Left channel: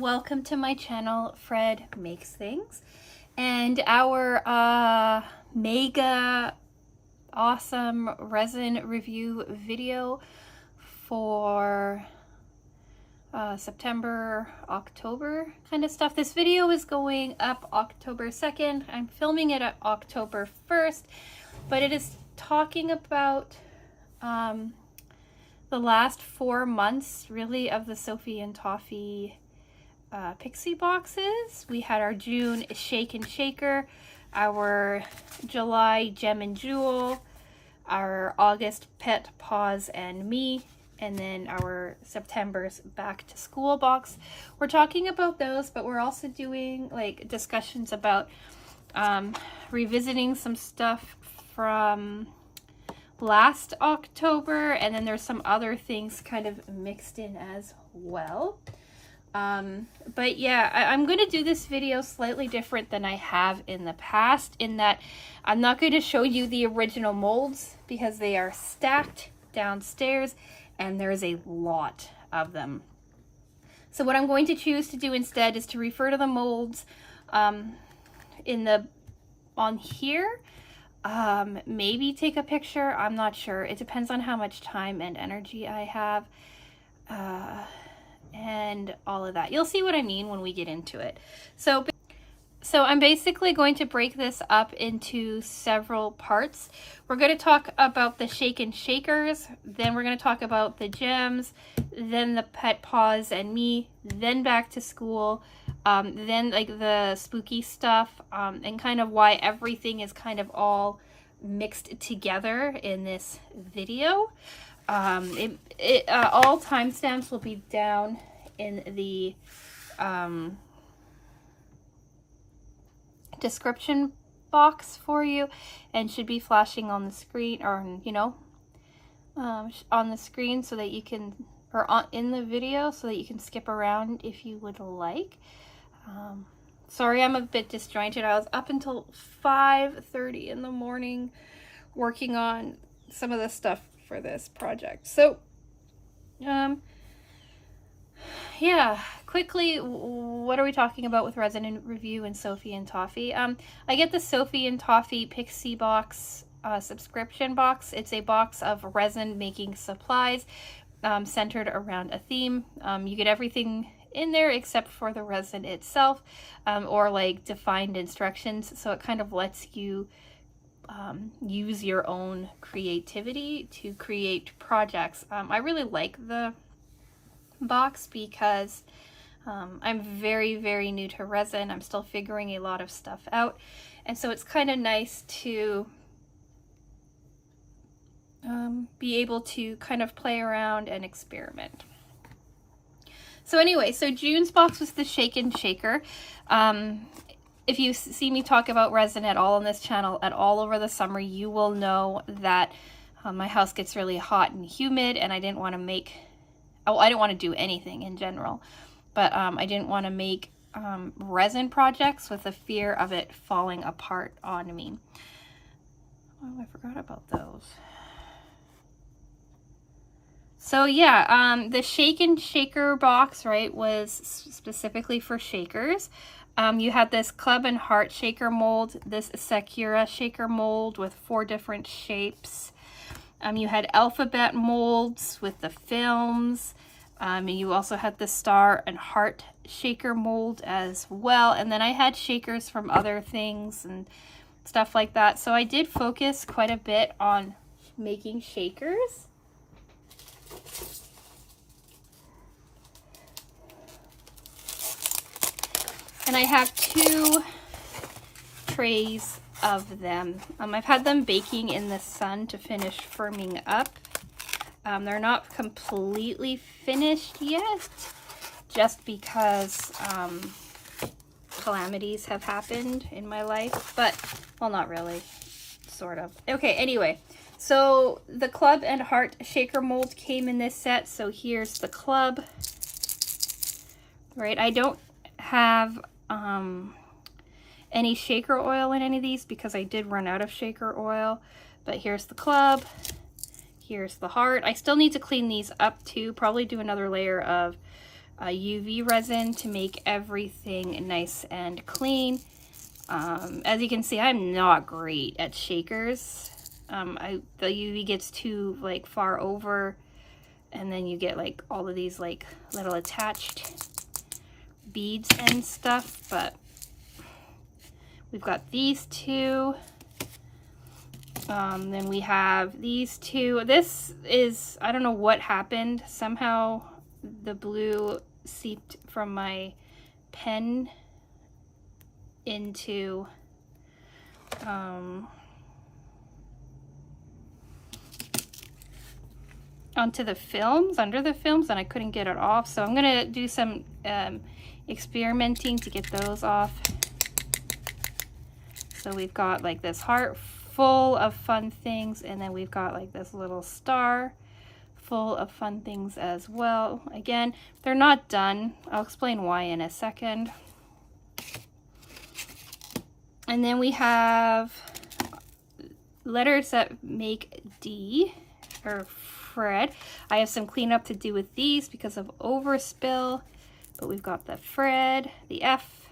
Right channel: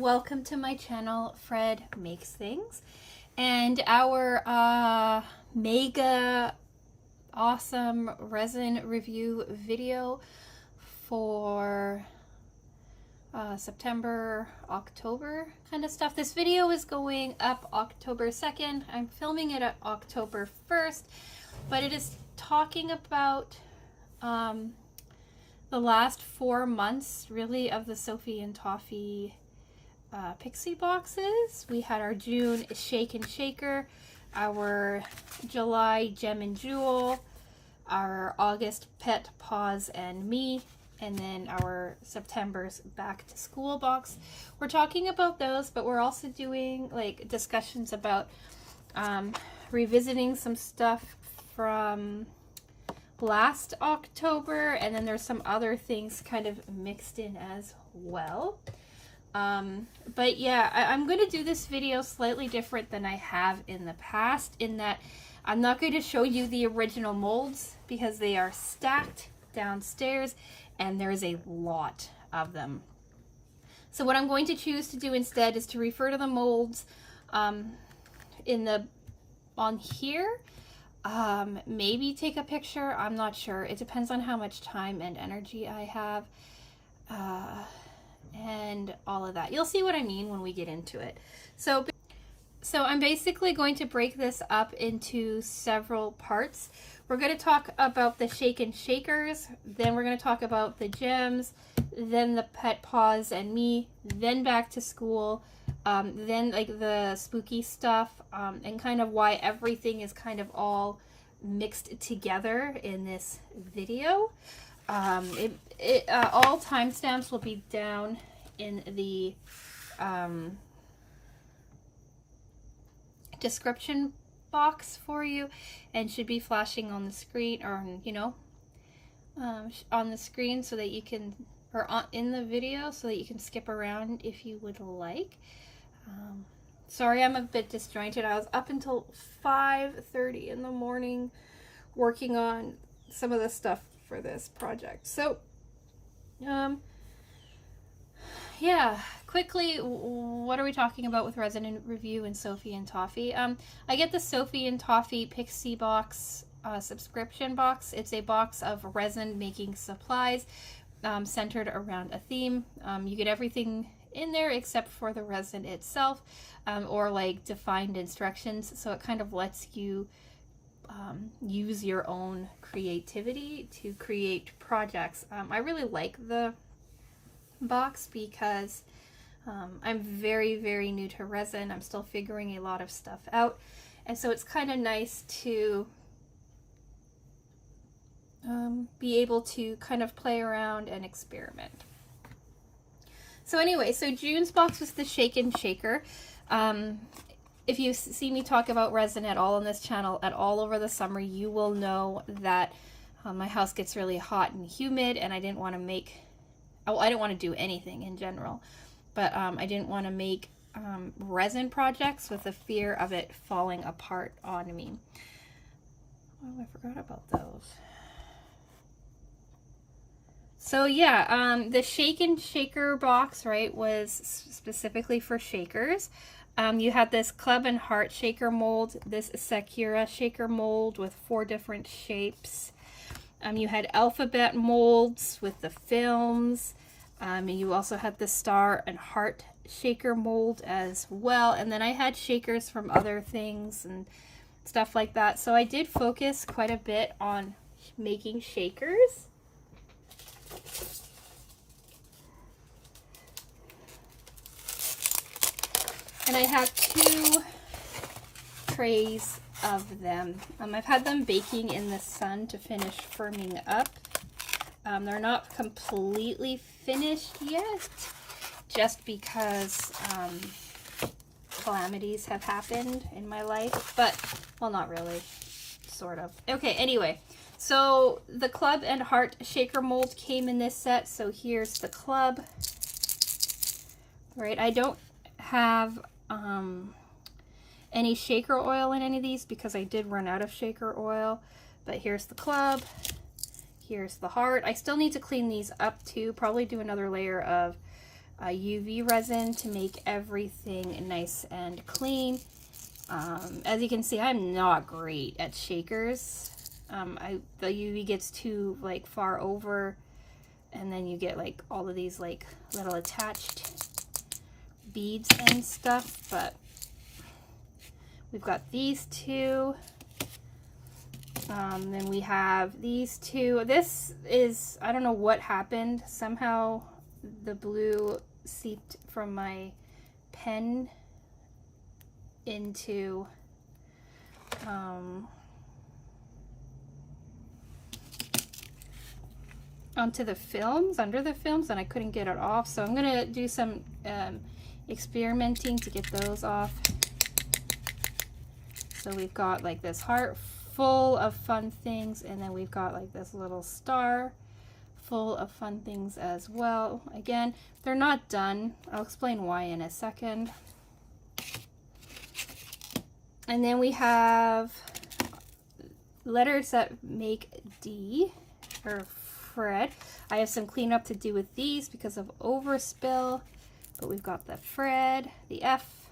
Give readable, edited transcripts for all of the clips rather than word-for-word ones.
welcome to my channel, Fred Makes Things, and our mega awesome resin review video for September, October kind of stuff. This video is going up October 2nd. I'm filming it at October 1st, but it is talking about the last 4 months really of the Sophie and Toffee Pixie boxes. We had our June Shake and Shaker, our July Gem and Jewel, our August Pet Paws and Me, and then our September's Back to School box. We're talking about those, but we're also doing like discussions about revisiting some stuff from last October, and then there's some other things kind of mixed in as well. But yeah, I'm going to do this video slightly different than I have in the past, in that I'm not going to show you the original molds because they are stacked downstairs and there's a lot of them. So what I'm going to choose to do instead is to refer to the molds on here. Maybe take a picture, I'm not sure. It depends on how much time and energy I have, and all of that. You'll see what I mean when we get into it. So I'm basically going to break this up into several parts. We're going to talk about the Shake and Shakers, then we're going to talk about the gems, then the Pet Paws and Me, then Back to School, then like the spooky stuff, and kind of why everything is kind of all mixed together in this video. All timestamps will be down in the description box for you, and should be flashing on the screen, or on the screen, so that you can, or in the video, so that you can skip around if you would like. Sorry, I'm a bit disjointed. I was up until 5:30 in the morning working on some of the stuff for this project. So, yeah, quickly, what are we talking about with Resin Review and Sophie and Toffee? I get the Sophie and Toffee Pixie box subscription box. It's a box of resin making supplies centered around a theme. You get everything in there except for the resin itself, or like defined instructions, so it kind of lets you use your own creativity to create projects. I really like the box because I'm very, very new to resin. I'm still figuring a lot of stuff out, and so it's kind of nice to be able to kind of play around and experiment. So anyway, so June's box was the Shake and Shaker. If you see me talk about resin at all on this channel at all over the summer, you will know that my house gets really hot and humid, and I didn't want to make, I didn't want to do anything in general, but I didn't want to make resin projects with the fear of it falling apart on me. Oh, I forgot about those. So yeah, the Shake and Shaker box, right, was specifically for shakers. You had this Club and Heart shaker mold, this Sakura shaker mold with 4 different shapes. You had alphabet molds with the films. You also had the Star and Heart shaker mold as well. And then I had shakers from other things and stuff like that. So I did focus quite a bit on making shakers. And I have 2 trays of them. I've had them baking in the sun to finish firming up. They're not completely finished yet, just because calamities have happened in my life, but, well, not really, sort of. Okay, anyway, so the Club and Heart shaker mold came in this set. So here's the club, right? I don't have any shaker oil in any of these because I did run out of shaker oil, but here's the club, here's the heart. I still need to clean these up too, probably do another layer of UV resin to make everything nice and clean. As you can see, I'm not great at shakers. The UV gets too like far over, and then you get like all of these like little attached beads and stuff. But we've got these two. Then we have these two. This is, I don't know what happened. Somehow the blue seeped from my pen into onto the films, under the films, and I couldn't get it off. So I'm gonna do some experimenting to get those off. So we've got like this heart full of fun things, and then we've got like this little star full of fun things as well. Again, they're not done. I'll explain why in a second. And then we have letters that make D, or Fred. I have some cleanup to do with these because of overspill, but we've got the Fred, the F,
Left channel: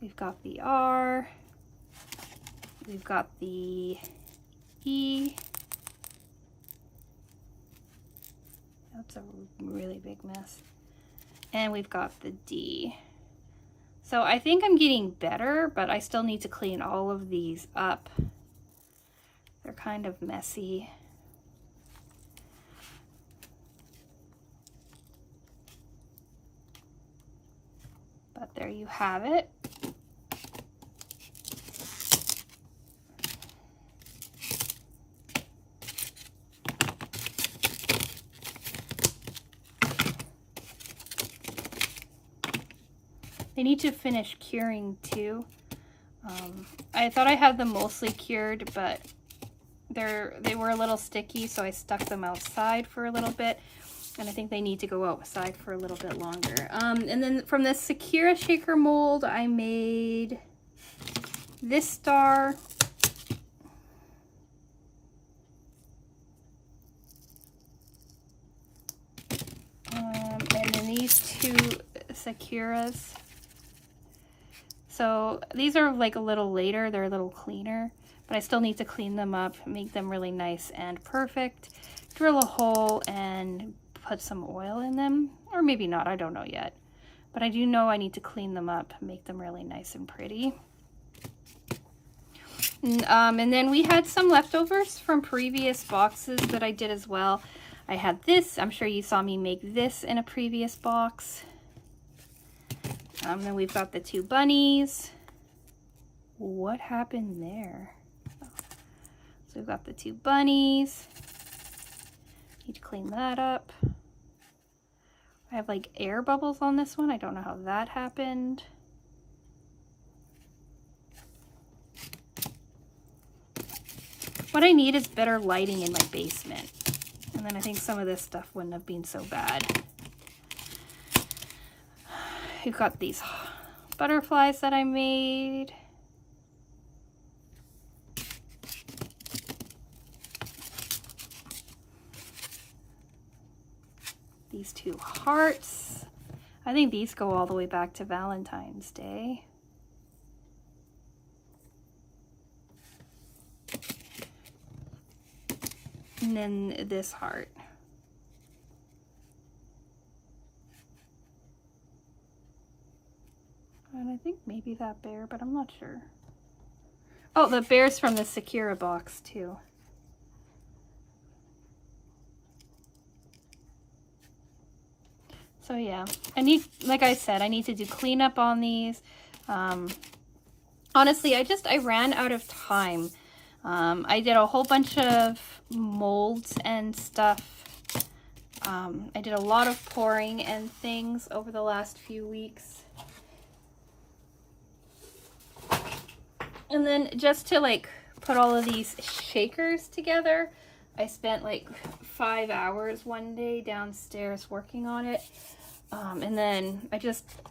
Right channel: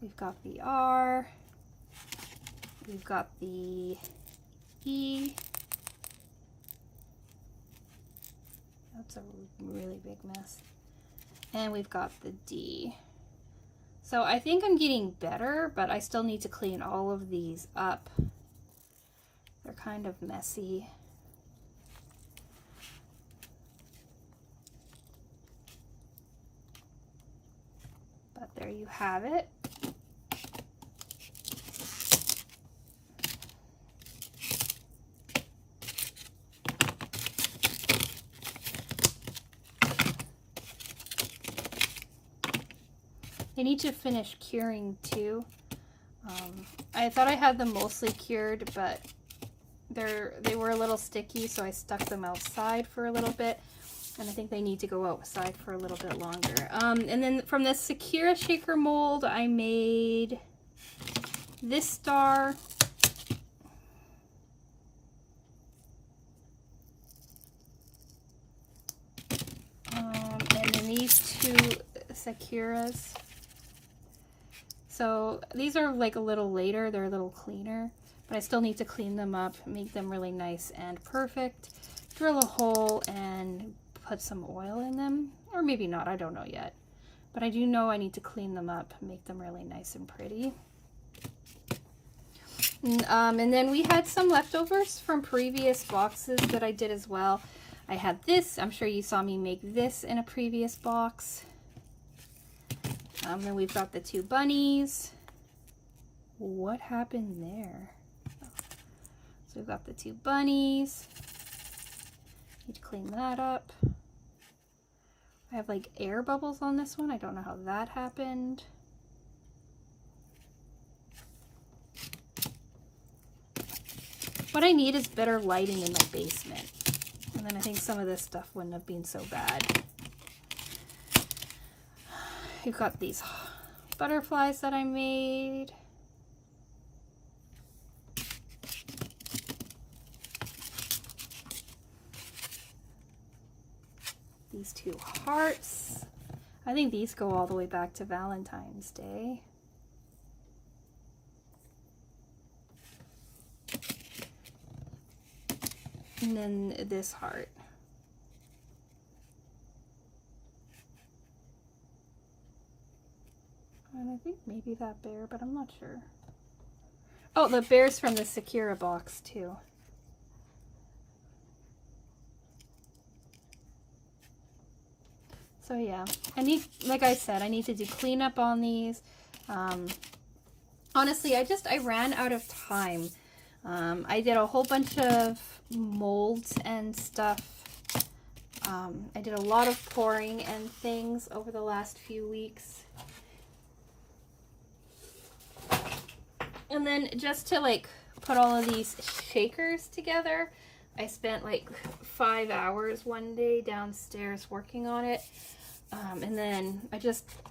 we've got the R, we've got the E. That's a really big mess. And we've got the D. So I think I'm getting better, but I still need to clean all of these up. They're kind of messy. But there you have it. They need to finish curing too. I thought I had them mostly cured, but they were a little sticky, so I stuck them outside for a little bit, and I think they need to go outside for a little bit longer. And then from the Sakura shaker mold, I made this star. And then these two Sakuras. So these are like a little later, they're a little cleaner, but I still need to clean them up, make them really nice and perfect, drill a hole and put some oil in them, or maybe not, I don't know yet. But I do know I need to clean them up, make them really nice and pretty. And then we had some leftovers from previous boxes that I did as well. I had this, I'm sure you saw me make this in a previous box. Then we've got the two bunnies. What happened there? Oh. So we've got the two bunnies. Need to clean that up. I have like air bubbles on this one. I don't know how that happened. What I need is better lighting in my basement. And then I think some of this stuff wouldn't have been so bad. We've got these butterflies that I made. These two hearts. I think these go all the way back to Valentine's Day. And then this heart. And I think maybe that bear, but I'm not sure. Oh, the bear's from the Sakura box too. So yeah, like I said, I need to do cleanup on these. Honestly, I ran out of time. I did a whole bunch of molds and stuff. I did a lot of pouring and things over the last few weeks. And then just to like put all of these shakers together, I spent like 5 hours one day downstairs working on it. And then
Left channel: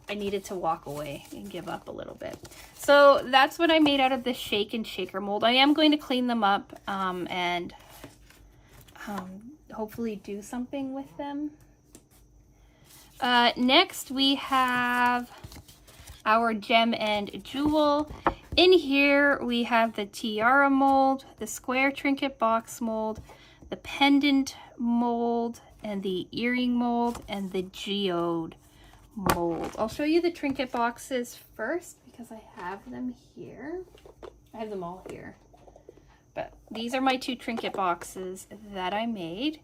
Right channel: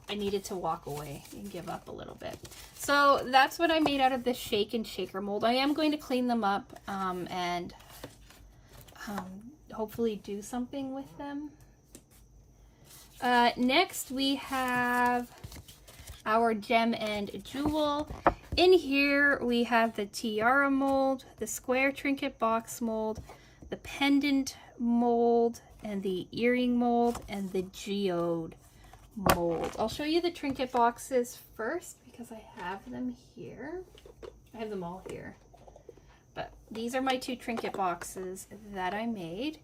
I needed to walk away and give up a little bit. So that's what I made out of the shake and shaker mold. I am going to clean them up and hopefully do something with them. Next we have our gem and jewel. In here we have the tiara mold, the square trinket box mold, the pendant mold, and the earring mold, and the geode mold. I'll show you the trinket boxes first because I have them here. I have them all here. But these are my 2 trinket boxes that I made.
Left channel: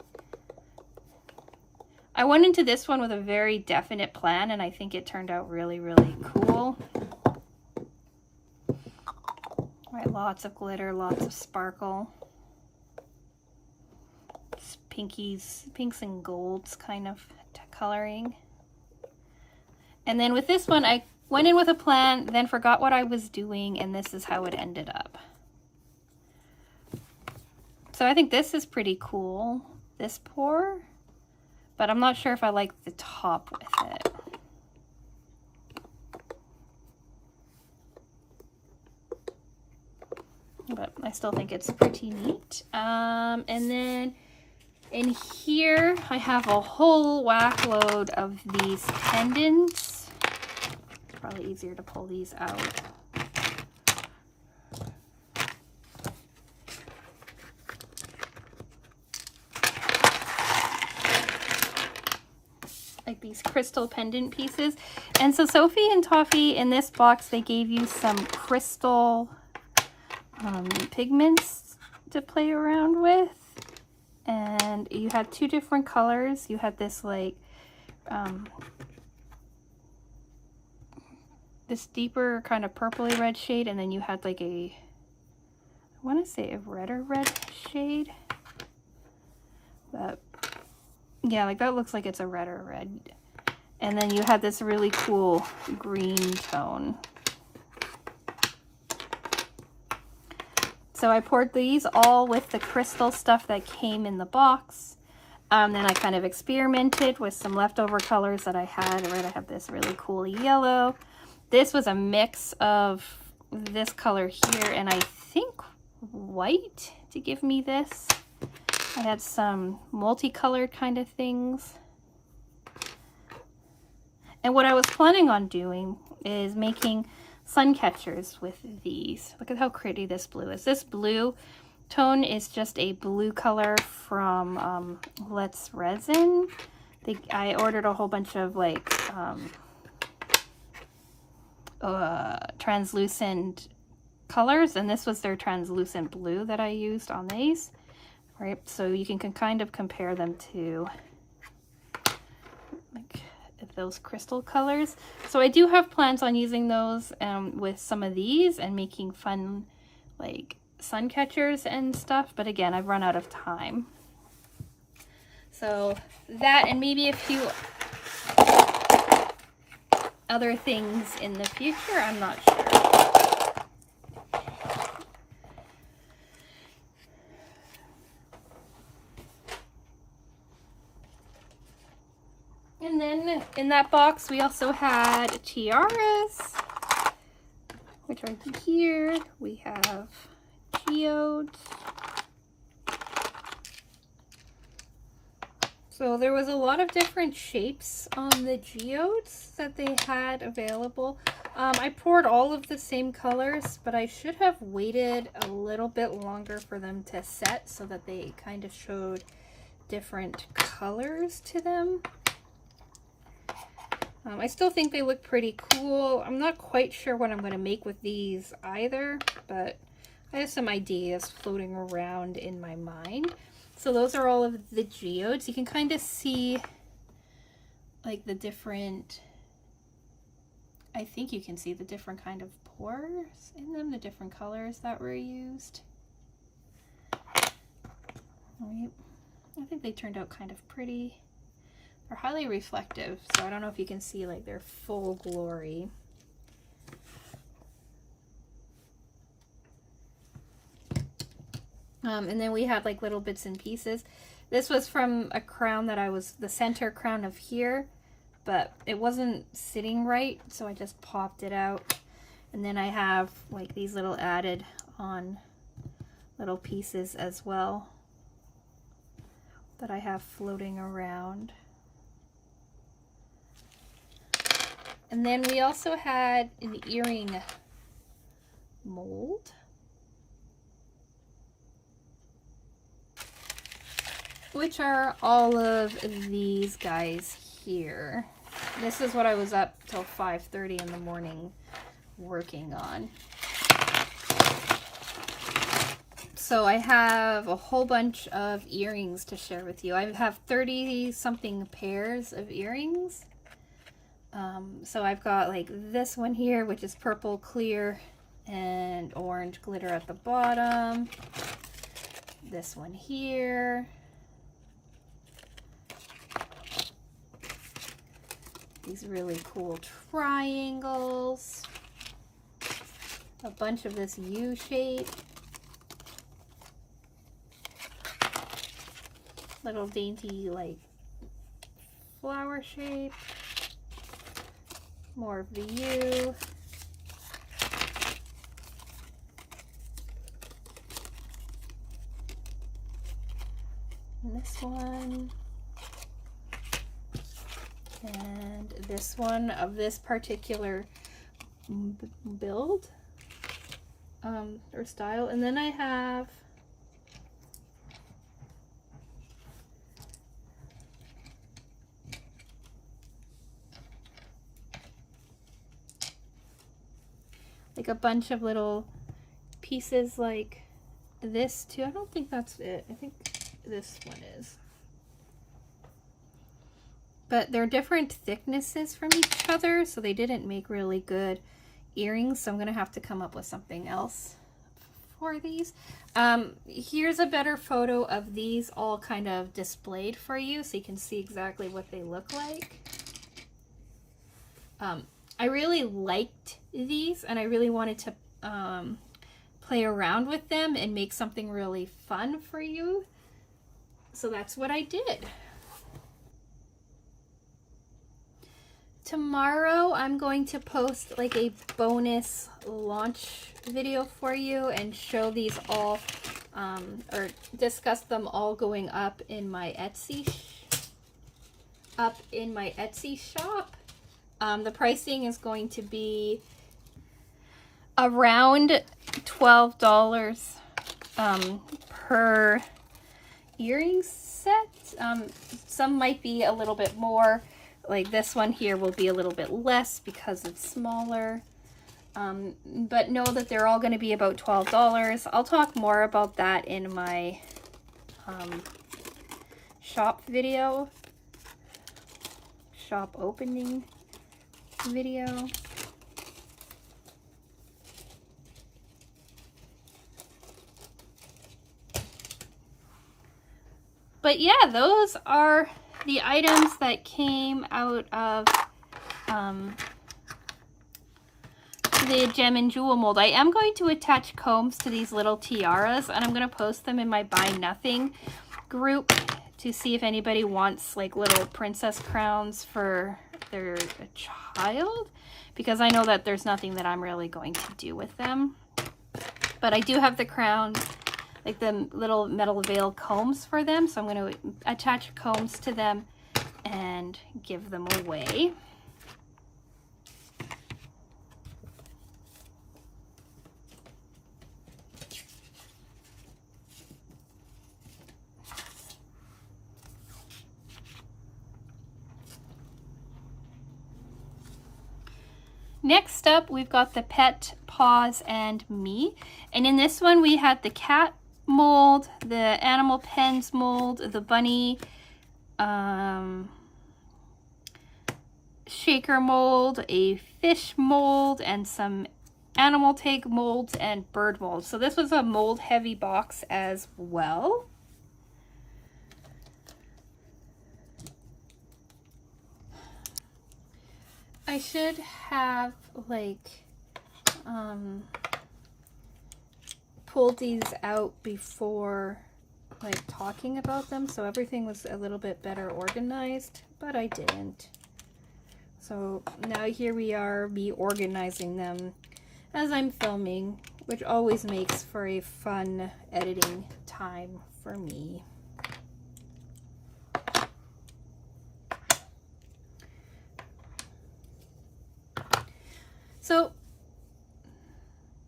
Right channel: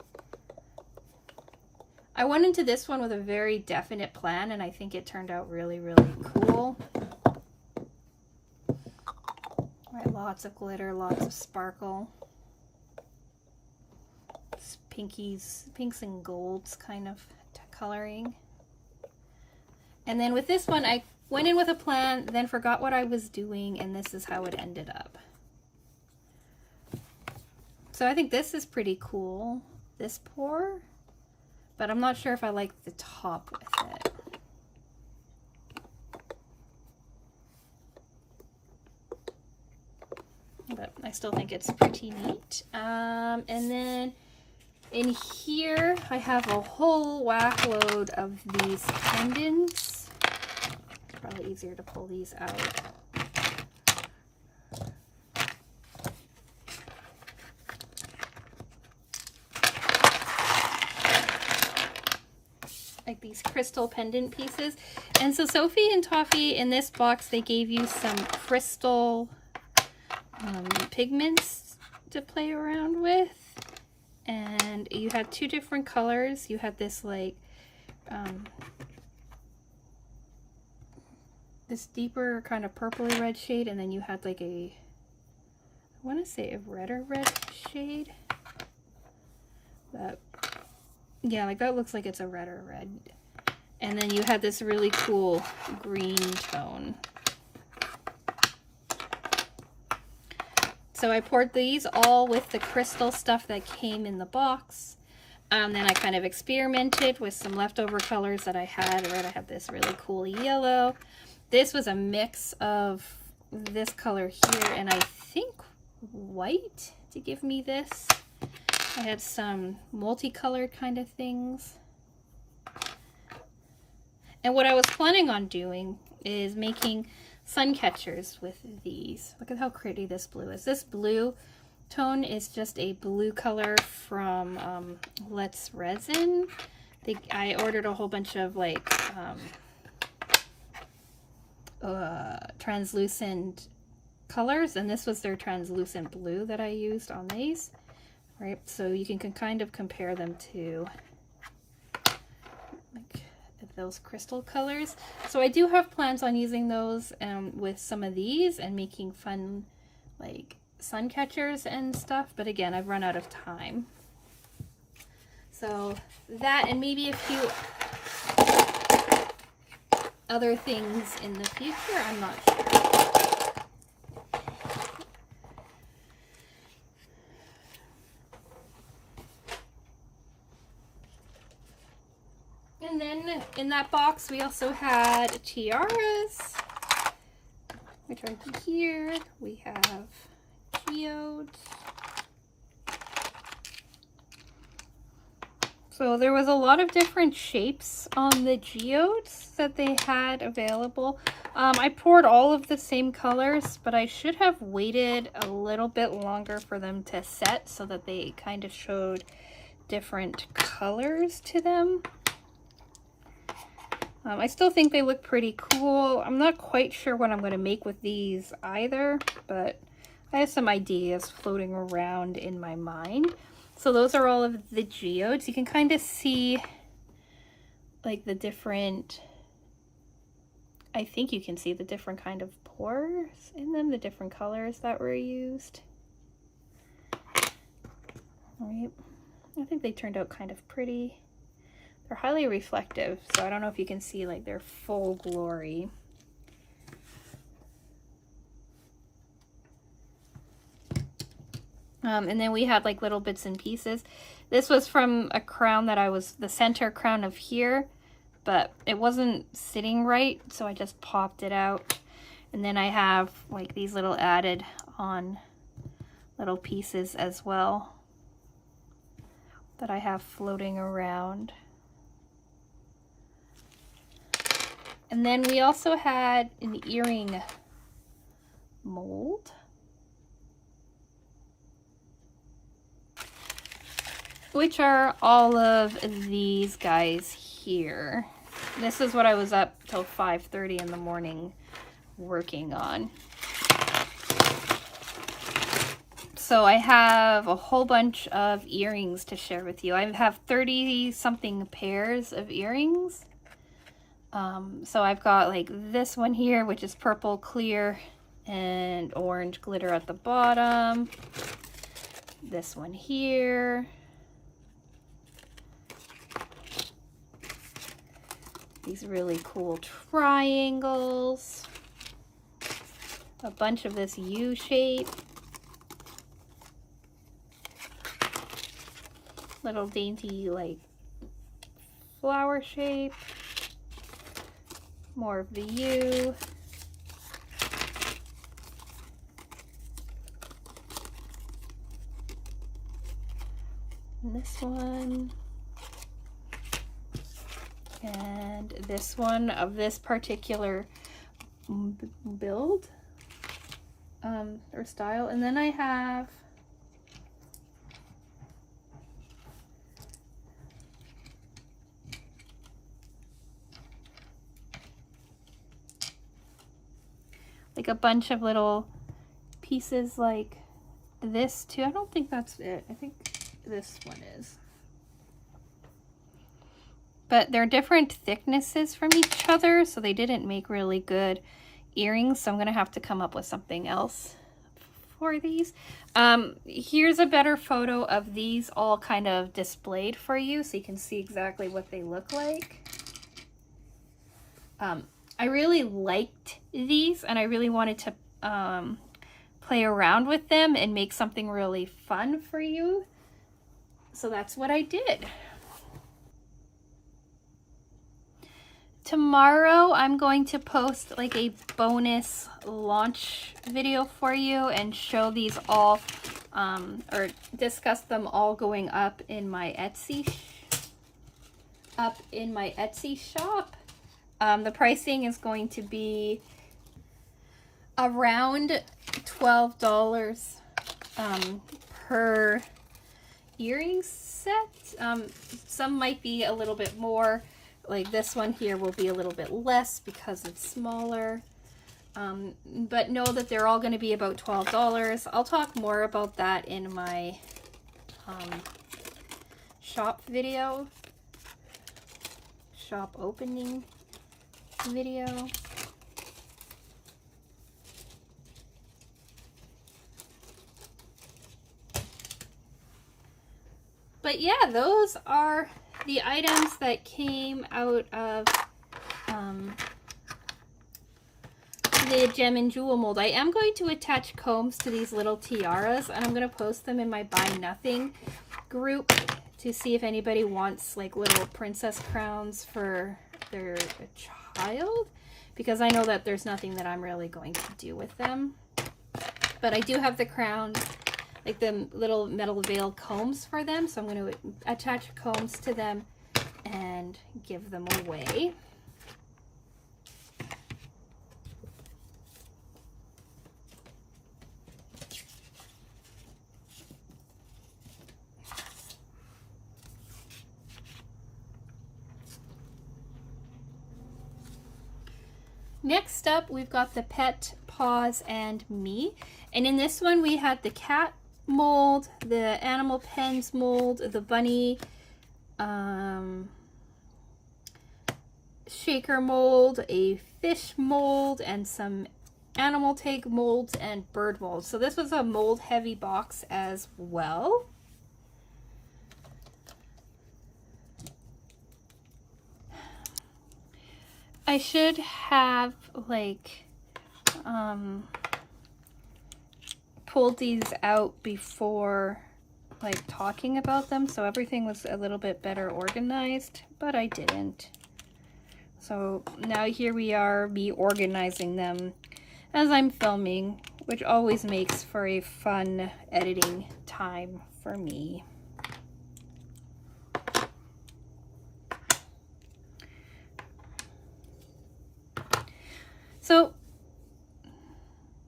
I went into this one with a very definite plan, and I think it turned out really, really cool. Right, lots of glitter, lots of sparkle. It's pinks and golds kind of coloring. And then with this one, I went in with a plan, then forgot what I was doing, and this is how it ended up. So I think this is pretty cool, this pour, but I'm not sure if I like the top with it. But I still think it's pretty neat. And then in here, I have a whole whack load of these pendants. Probably easier to pull these out. Like these crystal pendant pieces. And so Sophie and Toffee, in this box, they gave you some crystal pigments to play around with. And you had 2 different colors. You had this like this deeper kind of purpley red shade, and then you had like a, I want to say a redder red shade, but yeah, like that looks like it's a redder red. And then you had this really cool green tone. So I poured these all with the crystal stuff that came in the box. Then I kind of experimented with some leftover colors that I had. Right, I have this really cool yellow. This was a mix of this color here and I think white to give me this. I had some multicolored kind of things. And what I was planning on doing is making sun catchers with these. Look at how pretty this blue is. This blue tone is just a blue color from Let's Resin. I ordered a whole bunch of like translucent colors, and this was their translucent blue that I used on these. Right, so you can kind of compare them to like those crystal colors. So I do have plans on using those with some of these and making fun like sun catchers and stuff, but again, I've run out of time. So that and maybe a few other things in the future, I'm not sure. And then in that box, we also had tiaras, which are here. We have geodes. So there was a lot of different shapes on the geodes that they had available. I poured all of the same colors, but I should have waited a little bit longer for them to set so that they kind of showed different colors to them. I still think they look pretty cool. I'm not quite sure what I'm going to make with these either, but I have some ideas floating around in my mind. So those are all of the geodes. You can kind of see like the different, I think you can see the different kind of pores in them, the different colors that were used. All right. I think they turned out kind of pretty. They're highly reflective, so I don't know if you can see like their full glory. And then we had like little bits and pieces. This was from a crown that the center crown of here, but it wasn't sitting right, so I just popped it out. And then I have like these little added on little pieces as well that I have floating around. And then we also had an earring mold, which are all of these guys here. This is what I was up till 5:30 in the morning working on. So I have a whole bunch of earrings to share with you. I have 30 something pairs of earrings. So I've got like this one here, which is purple clear and orange glitter at the bottom. This one here. These really cool triangles. A bunch of this U shape. Little dainty like flower shape. More of the U. And this one. And this one of this particular build or style. And then I have like a bunch of little pieces like this too. I don't think that's it. I think this one is. But they're different thicknesses from each other, so they didn't make really good earrings, so I'm gonna have to come up with something else for these. Here's a better photo of these all kind of displayed for you so you can see exactly what they look like. I really liked these and I really wanted to play around with them and make something really fun for you. So that's what I did. Tomorrow I'm going to post like a bonus launch video for you and show these all or discuss them all going up in my Etsy shop. The pricing is going to be around $12 per earring set. Some might be a little bit more. Like this one here will be a little bit less because it's smaller. But know that they're all going to be about $12. I'll talk more about that in my shop video. Shop opening video. But yeah, those are the items that came out of the gem and jewel mold. I am going to attach combs to these little tiaras and I'm going to post them in my Buy Nothing group to see if anybody wants like little princess crowns for their child, because I know that there's nothing that I'm really going to do with them. But I do have the crowns, like the little metal veil combs for them, so I'm going to attach combs to them and give them away. Next up, we've got the Pet Paws and Me. And in this one, we had the cat mold, the animal pens mold, the bunny shaker mold, a fish mold, and some animal tag molds and bird molds. So this was a mold heavy box as well. I should have like pulled these out before like talking about them, so everything was a little bit better organized, but I didn't. So now here we are, me organizing them as I'm filming, which always makes for a fun editing time for me. So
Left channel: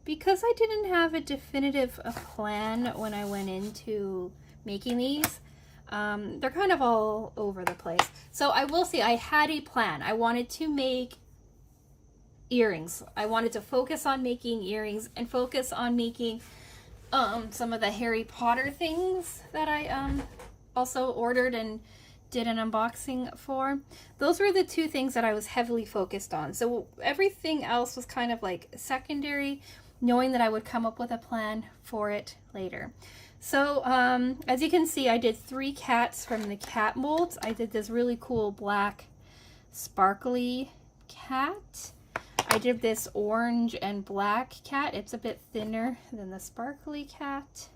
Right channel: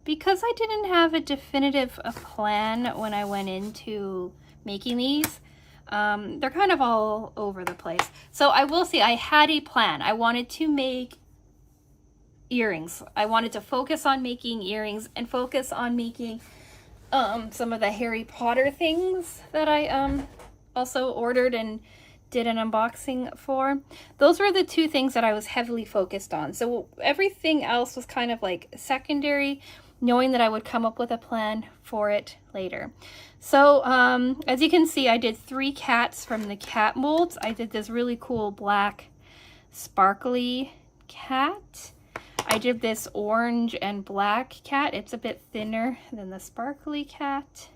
because I didn't have a definitive plan when I went into making these, they're kind of all over the place. So I will say I had a plan. I wanted to make earrings. I wanted to focus on making earrings and focus on making some of the Harry Potter things that I also ordered and did an unboxing for. Those were the two things that I was heavily focused on. So everything else was kind of like secondary, knowing that I would come up with a plan for it later. So as you can see, I did 3 cats from the cat molds. I did this really cool black sparkly cat. I did this orange and black cat. It's a bit thinner than the sparkly cat.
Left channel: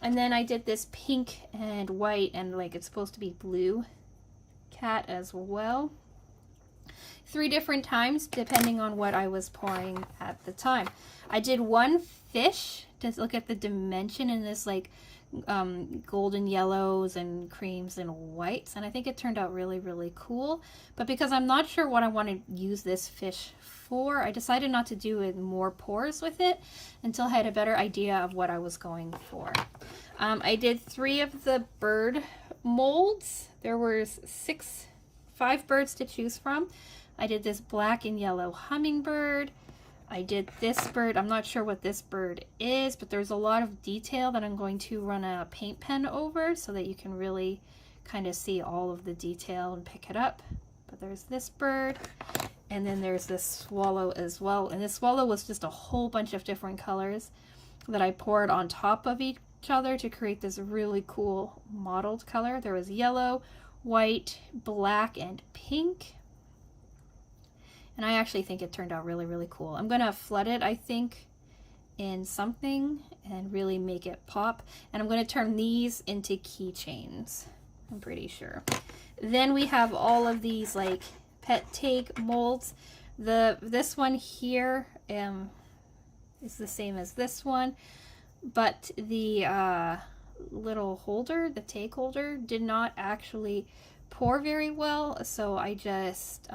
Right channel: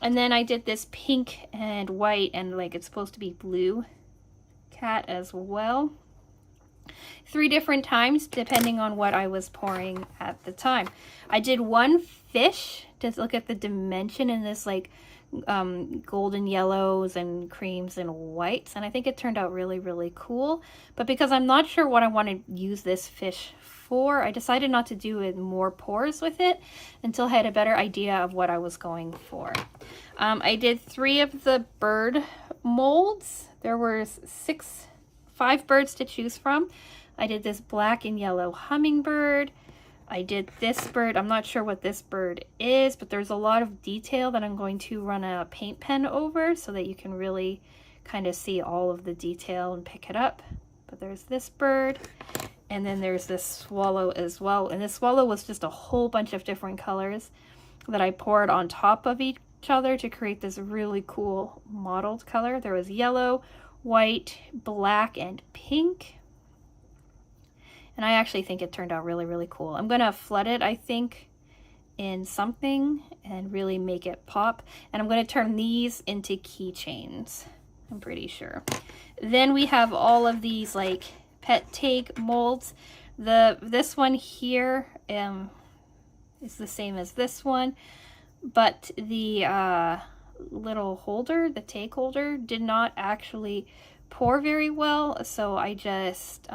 And then I did this pink and white and like it's supposed to be blue cat as well. 3 different times depending on what I was pouring at the time. I did 1 fish to look at the dimension in this like golden yellows and creams and whites, and I think it turned out really, really cool. But because I'm not sure what I want to use this fish for, I decided not to do more pours with it until I had a better idea of what I was going for. I did 3 of the bird molds. There were 5 birds to choose from. I did this black and yellow hummingbird. I did this bird. I'm not sure what this bird is, but there's a lot of detail that I'm going to run a paint pen over so that you can really kind of see all of the detail and pick it up. But there's this bird, and then there's this swallow as well. And this swallow was just a whole bunch of different colors that I poured on top of each other to create this really cool mottled color. There was yellow, white, black, and pink. And I actually think it turned out really, really cool. I'm gonna flood it, I think, in something and really make it pop. And I'm gonna turn these into keychains, I'm pretty sure. Then we have all of these like pet take molds. This one here is the same as this one, but the little holder, the take holder, did not actually pour very well, so I just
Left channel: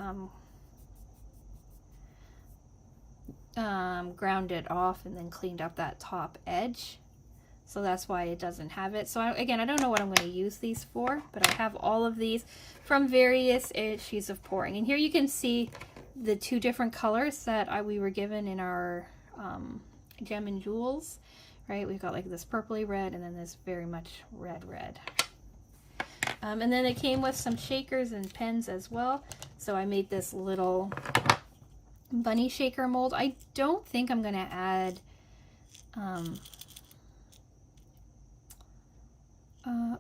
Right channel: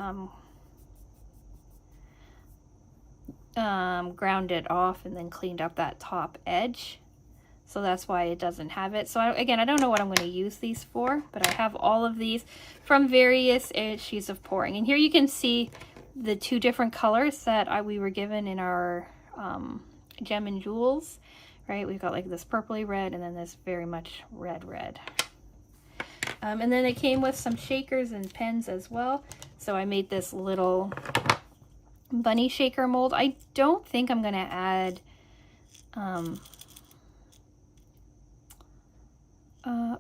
ground it off and then cleaned up that top edge. So that's why it doesn't have it. So again, I don't know what I'm going to use these for, but I have all of these from various issues of pouring. And here you can see the 2 different colors that we were given in our Gem and Jewels, right? We've got like this purpley red and then this very much red. And then it came with some shakers and pens as well. So I made this little bunny shaker mold. I don't think I'm gonna add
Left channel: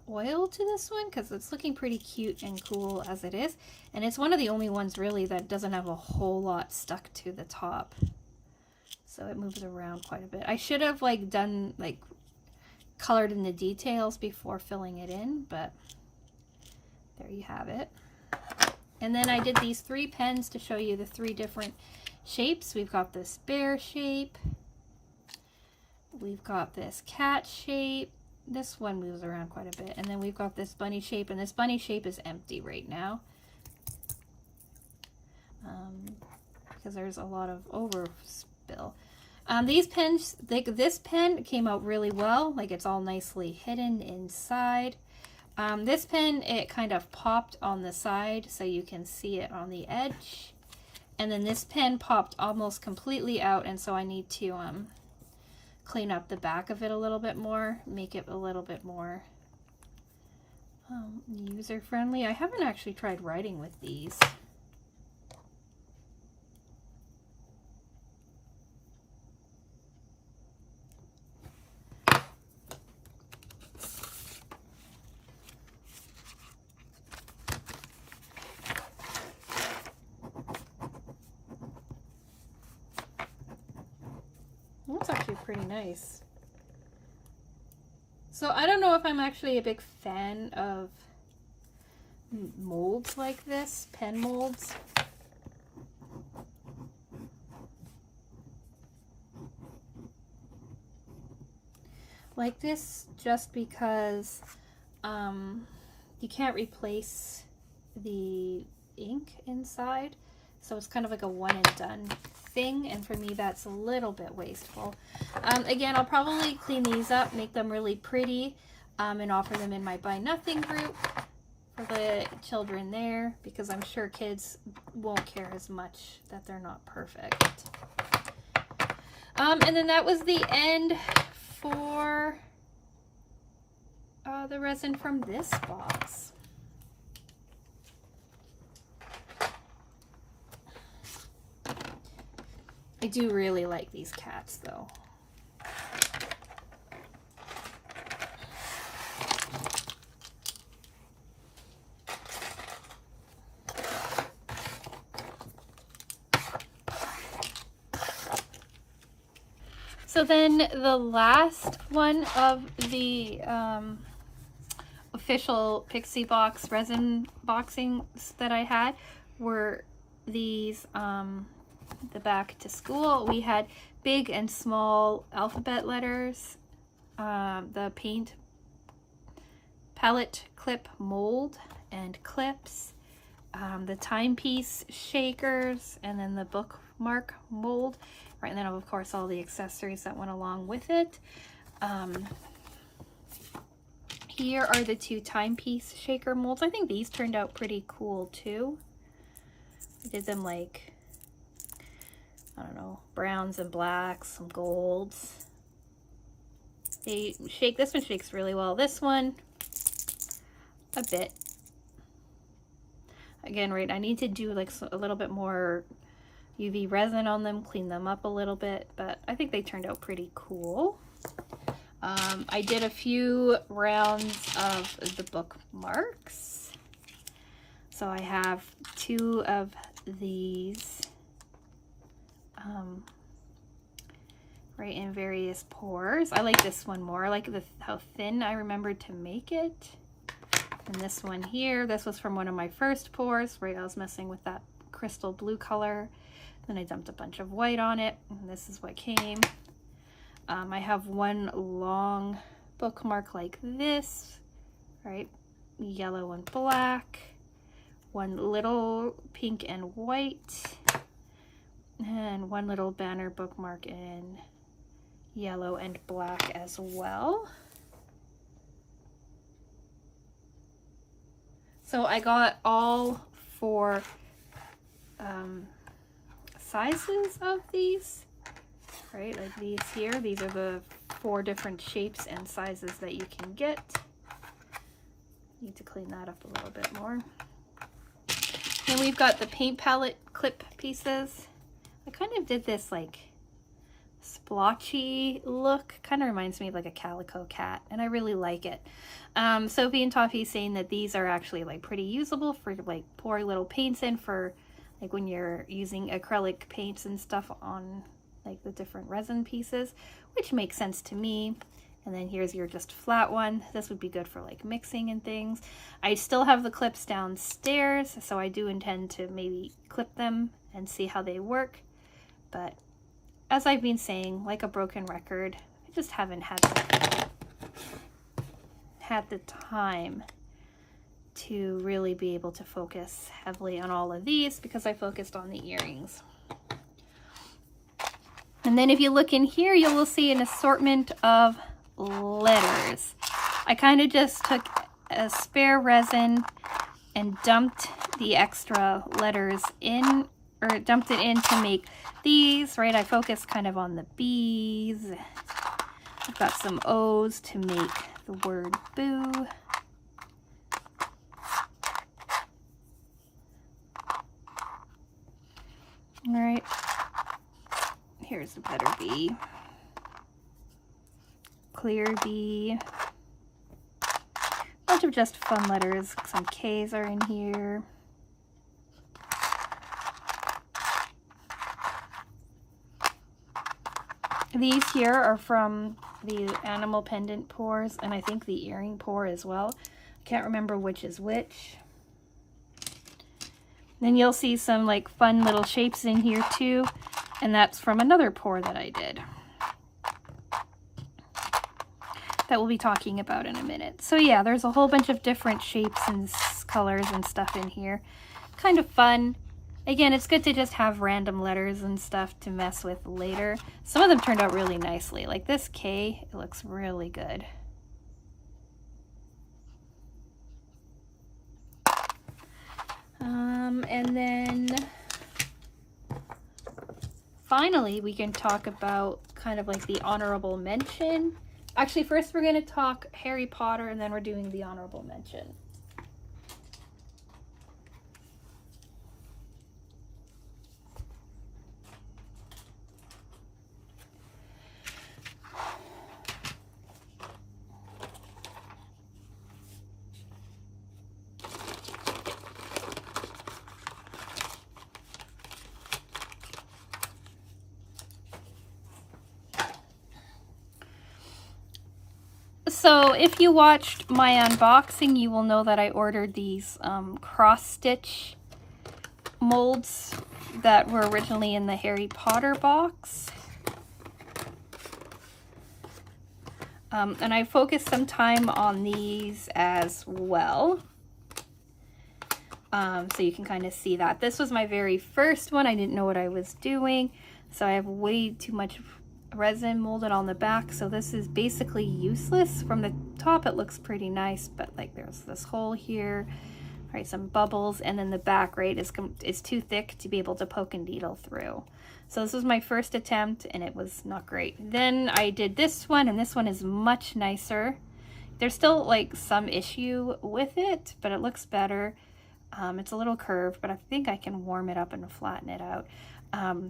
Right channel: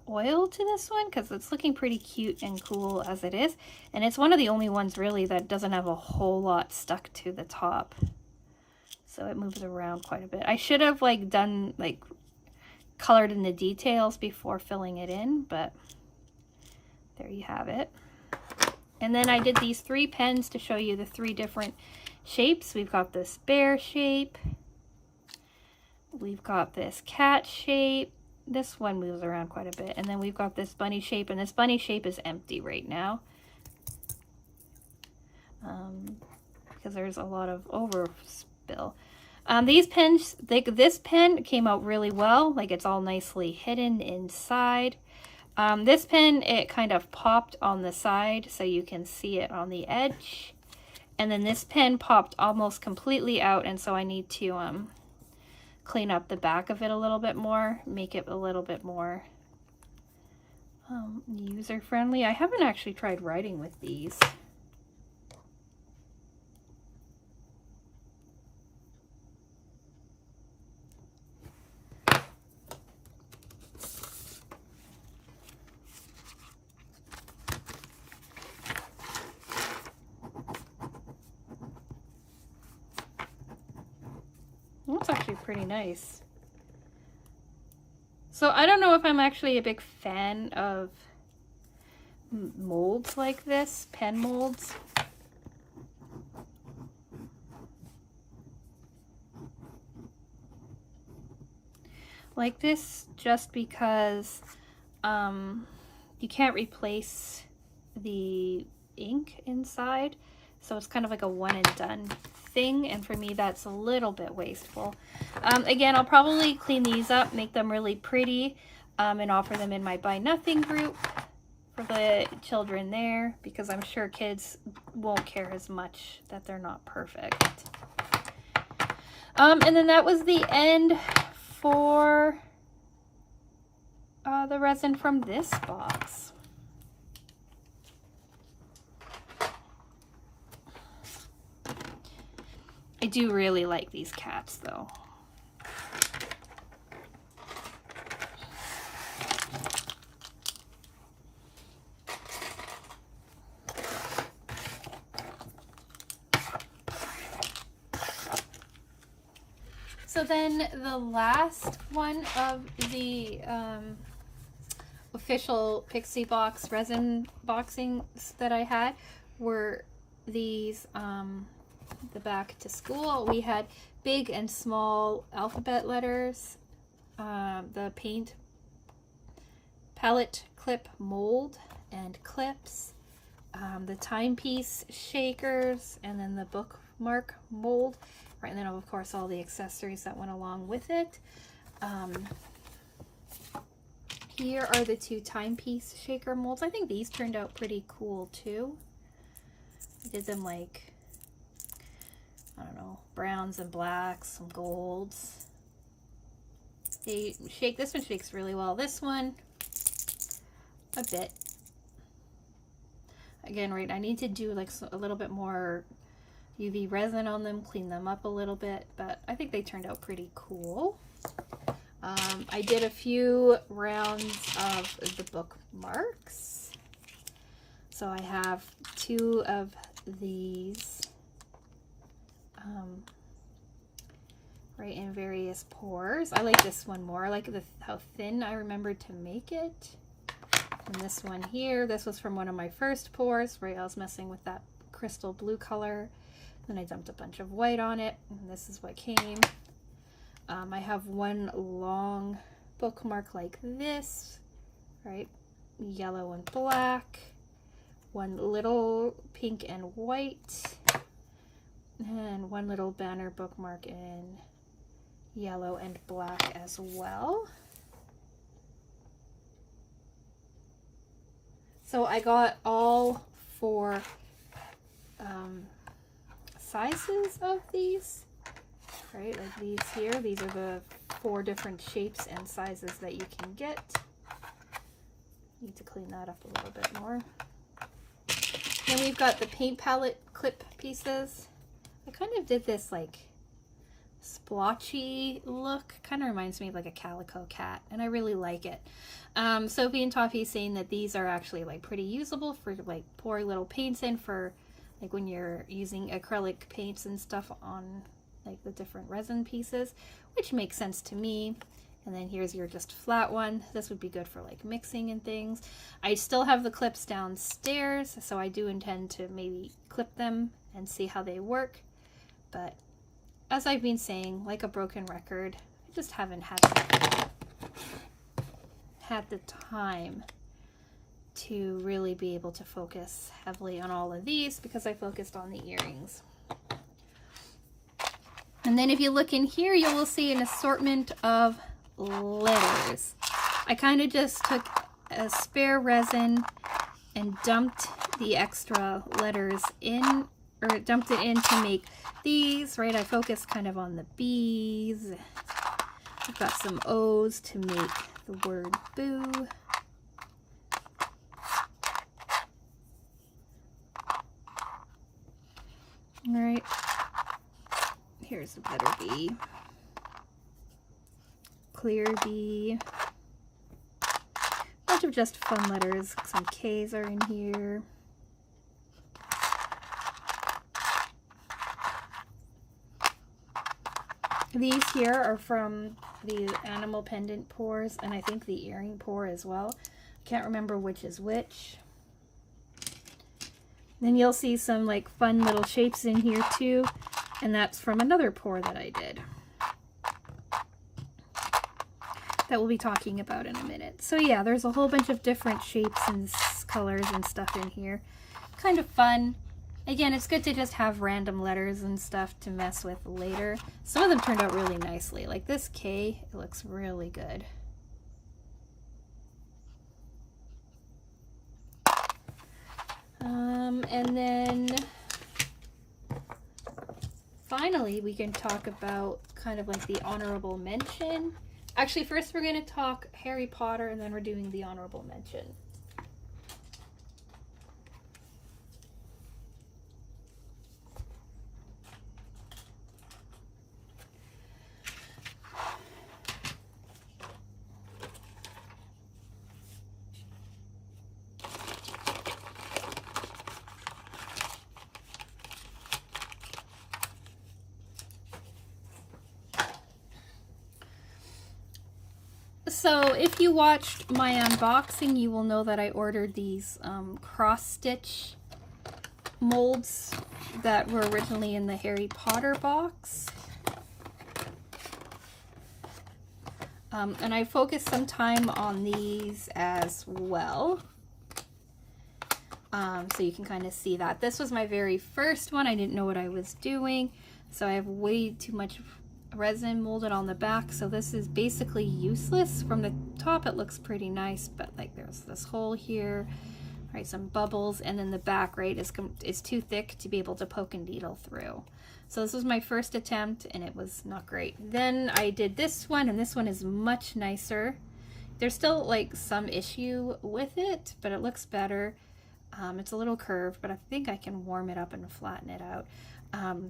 oil to this one because it's looking pretty cute and cool as it is, and it's one of the only ones really that doesn't have a whole lot stuck to the top, so it moves around quite a bit. I should have like done like colored in the details before filling it in, but there you have it. And then I did these 3 pens to show you the 3 different shapes. We've got this bear shape, we've got this cat shape, this one moves around quite a bit, and then we've got this bunny shape, and this bunny shape is empty right now because there's a lot of overspill. These pens, this pen came out really well, like it's all nicely hidden inside. This pen, it kind of popped on the side so you can see it on the edge. And then this pen popped almost completely out, and so I need to clean up the back of it a little bit more, make it a little bit more user-friendly. I haven't actually tried writing with these. That's actually pretty nice. So I don't know if I'm actually a big fan of molds like this, pen molds. Like this, just because you can't replace the ink inside. So it's kind of like a one and done thing, and for me that's a little bit wasteful. Again, I'll probably clean these up, make them really pretty, and offer them in my Buy Nothing group for the children there, because I'm sure kids won't care as much that they're not perfect. And then that was the end for the resin from this box. I do really like these cats though. So then the last one of the official Pixie box resin boxings that I had were these, the back to school. We had big and small alphabet letters, the paint palette clip mold and clips, the timepiece shakers, and then the bookmark mold. Right, and then of course all the accessories that went along with it. Here are the two timepiece shaker molds. I think these turned out pretty cool too. I did them like, I don't know, browns and blacks, some golds. They shake, this one shakes really well. This one, a bit. Again, right, I need to do like a little bit more UV resin on them, clean them up a little bit, but I think they turned out pretty cool. I did a few rounds of the bookmarks. So I have two of these right in various pours. I like this one more. I like how thin I remembered to make it. And this one here, this was from one of my first pours, right? I was messing with that crystal blue color. Then I dumped a bunch of white on it, and this is what came. I have one long bookmark like this, right? Yellow and black. One little pink and white. And one little banner bookmark in yellow and black as well. So I got all four sizes of these, right? Like these here. These are the 4 different shapes and sizes that you can get. Need to clean that up a little bit more. And we've got the paint palette clip pieces. I kind of did this like splotchy look. Kind of reminds me of like a calico cat, and I really like it. Sophie and Toffee saying that these are actually like pretty usable for like pouring little paints in for like when you're using acrylic paints and stuff on like the different resin pieces, which makes sense to me. And then here's your just flat one. This would be good for like mixing and things. I still have the clips downstairs, so I do intend to maybe clip them and see how they work. But as I've been saying, like a broken record, I just haven't had the time to really be able to focus heavily on all of these because I focused on the earrings. And then if you look in here, you will see an assortment of letters. I kind of just took a spare resin and dumped the extra letters in, or dumped it in to make these, right? I focused kind of on the B's. I've got some O's to make the word boo. All right, here's a better B. Clear B. Bunch of just fun letters. Some K's are in here. These here are from the animal pendant pours, and I think the earring pour as well. I can't remember which is which. Then you'll see some like fun little shapes in here too, and that's from another pour that I did that we'll be talking about in a minute. So yeah, there's a whole bunch of different shapes and colors and stuff in here. Kind of fun. Again, it's good to just have random letters and stuff to mess with later. Some of them turned out really nicely. Like this K, it looks really good. And then finally, we can talk about kind of like the honorable mention. Actually, first we're going to talk Harry Potter, and then we're doing the honorable mention. So if you watched my unboxing, you will know that I ordered these cross-stitch molds that were originally in the Harry Potter box. And I focused some time on these as well. So you can kind of see that. This was my very first one. I didn't know what I was doing. So I have way too much resin molded on the back, so this is basically useless. From the top it looks pretty nice, but like there's this hole here, right, some bubbles, and then the back, right, is too thick to be able to poke and needle through. So this was my first attempt and it was not great. Then I did this one, and this one is much nicer. There's still like some issue with it, but it looks better. It's a little curved, but I think I can warm it up and flatten it out.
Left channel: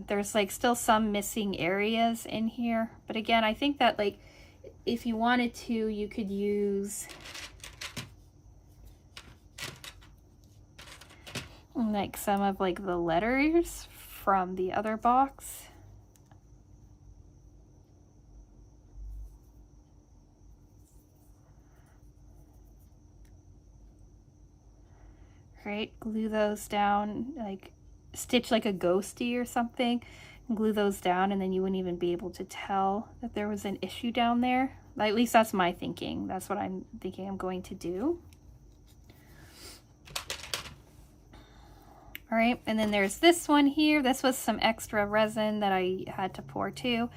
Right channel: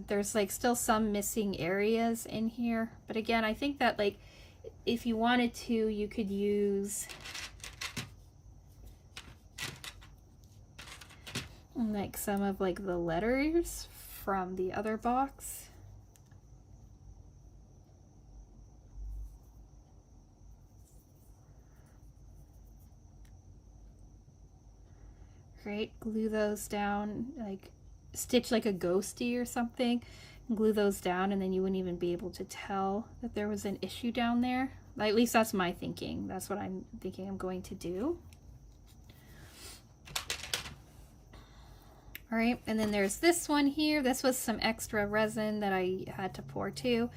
There's like still some missing areas in here, but again, I think that like if you wanted to, you could use like some of like the letters from the other box. Right, glue those down, like stitch like a ghosty or something, and glue those down, and then you wouldn't even be able to tell that there was an issue down there. At least that's my thinking. That's what I'm thinking I'm going to do. All right, and then there's this one here. This was some extra resin that I had to pour too,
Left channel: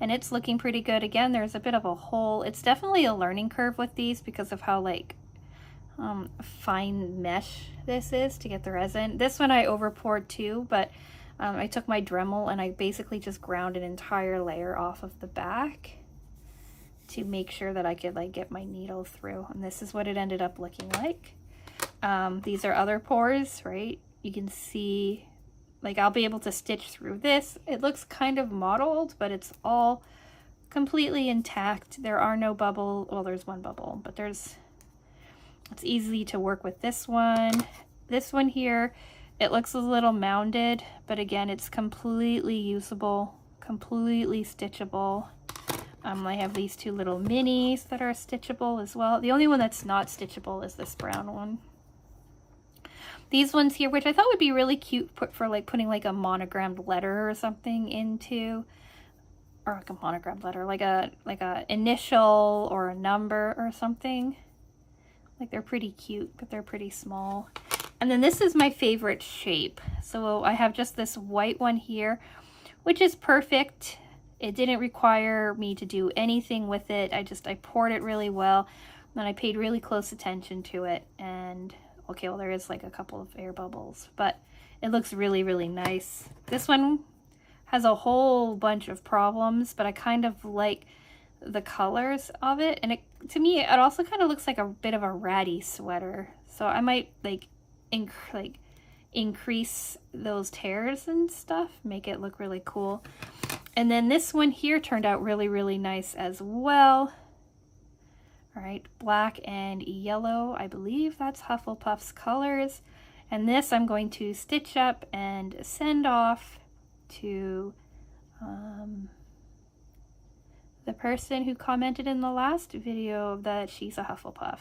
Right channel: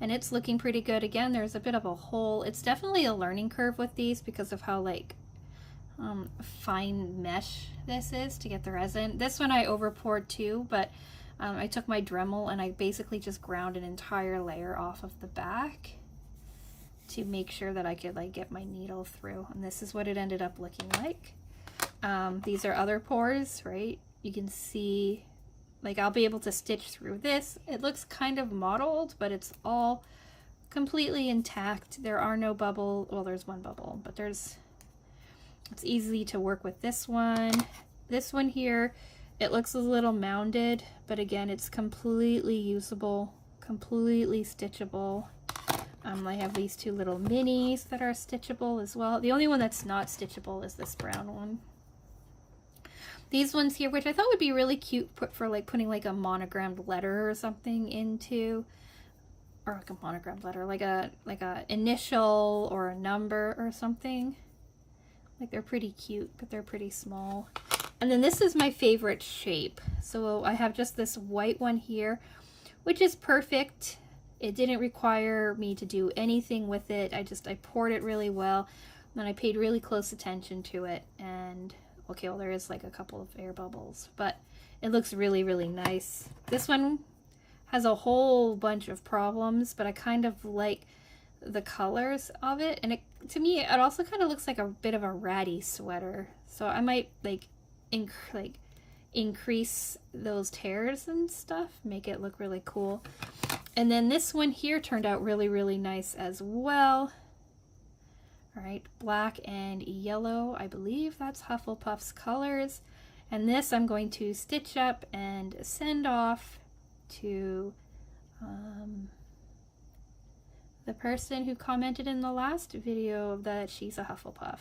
and it's looking pretty good. Again, there's a bit of a hole. It's definitely a learning curve with these because of how like fine mesh this is to get the resin. This one I over poured too, but I took my Dremel and I basically just ground an entire layer off of the back to make sure that I could like get my needle through, and this is what it ended up looking like. These are other pores, right? You can see like I'll be able to stitch through this. It looks kind of mottled, but it's all completely intact. There are no bubbles. Well, there's one bubble, but it's easy to work with this one. This one here, it looks a little mounded, but again, it's completely usable, completely stitchable. I have these two little minis that are stitchable as well. The only one that's not stitchable is this brown one. These ones here, which I thought would be really cute for like putting like a monogrammed letter or something into, or like a monogrammed letter, like a initial or a number or something. Like they're pretty cute, but they're pretty small. And then this is my favorite shape. So I have just this white one here, which is perfect. It didn't require me to do anything with it. I poured it really well, and I paid really close attention to it. And okay, well, there is like a couple of air bubbles, but it looks really, really nice. This one has a whole bunch of problems, but I kind of like the colors of it, and to me it also kind of looks like a bit of a ratty sweater, so I might like increase those tears and stuff, make it look really cool. And then this one here turned out really, really nice as well. All right, black and yellow, I believe that's Hufflepuff's colors. And this I'm going to stitch up and send off to the person who commented in the last video that she's a Hufflepuff.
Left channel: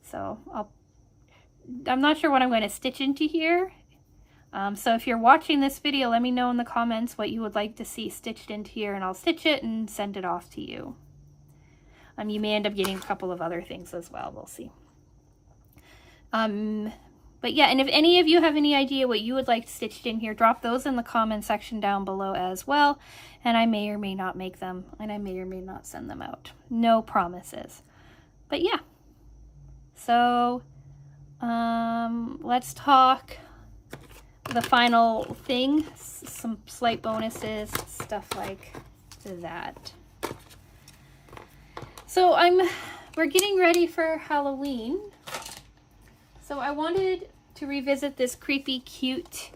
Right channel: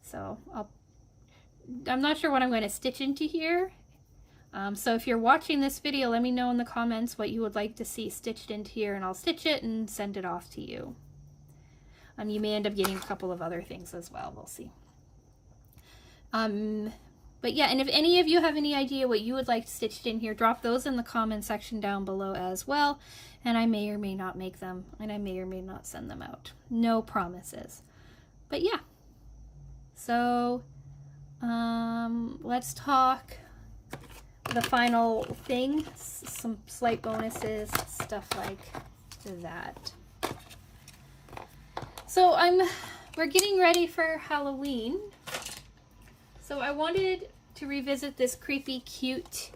So I'm not sure what I'm going to stitch into here. So if you're watching this video, let me know in the comments what you would like to see stitched into here, and I'll stitch it and send it off to you. You may end up getting a couple of other things as well. We'll see. But yeah, and if any of you have any idea what you would like stitched in here, drop those in the comment section down below as well. And I may or may not make them, and I may or may not send them out. No promises. But yeah. So, let's talk the final thing. Some slight bonuses, stuff like that. So we're getting ready for Halloween. So I wanted to revisit this creepy cute,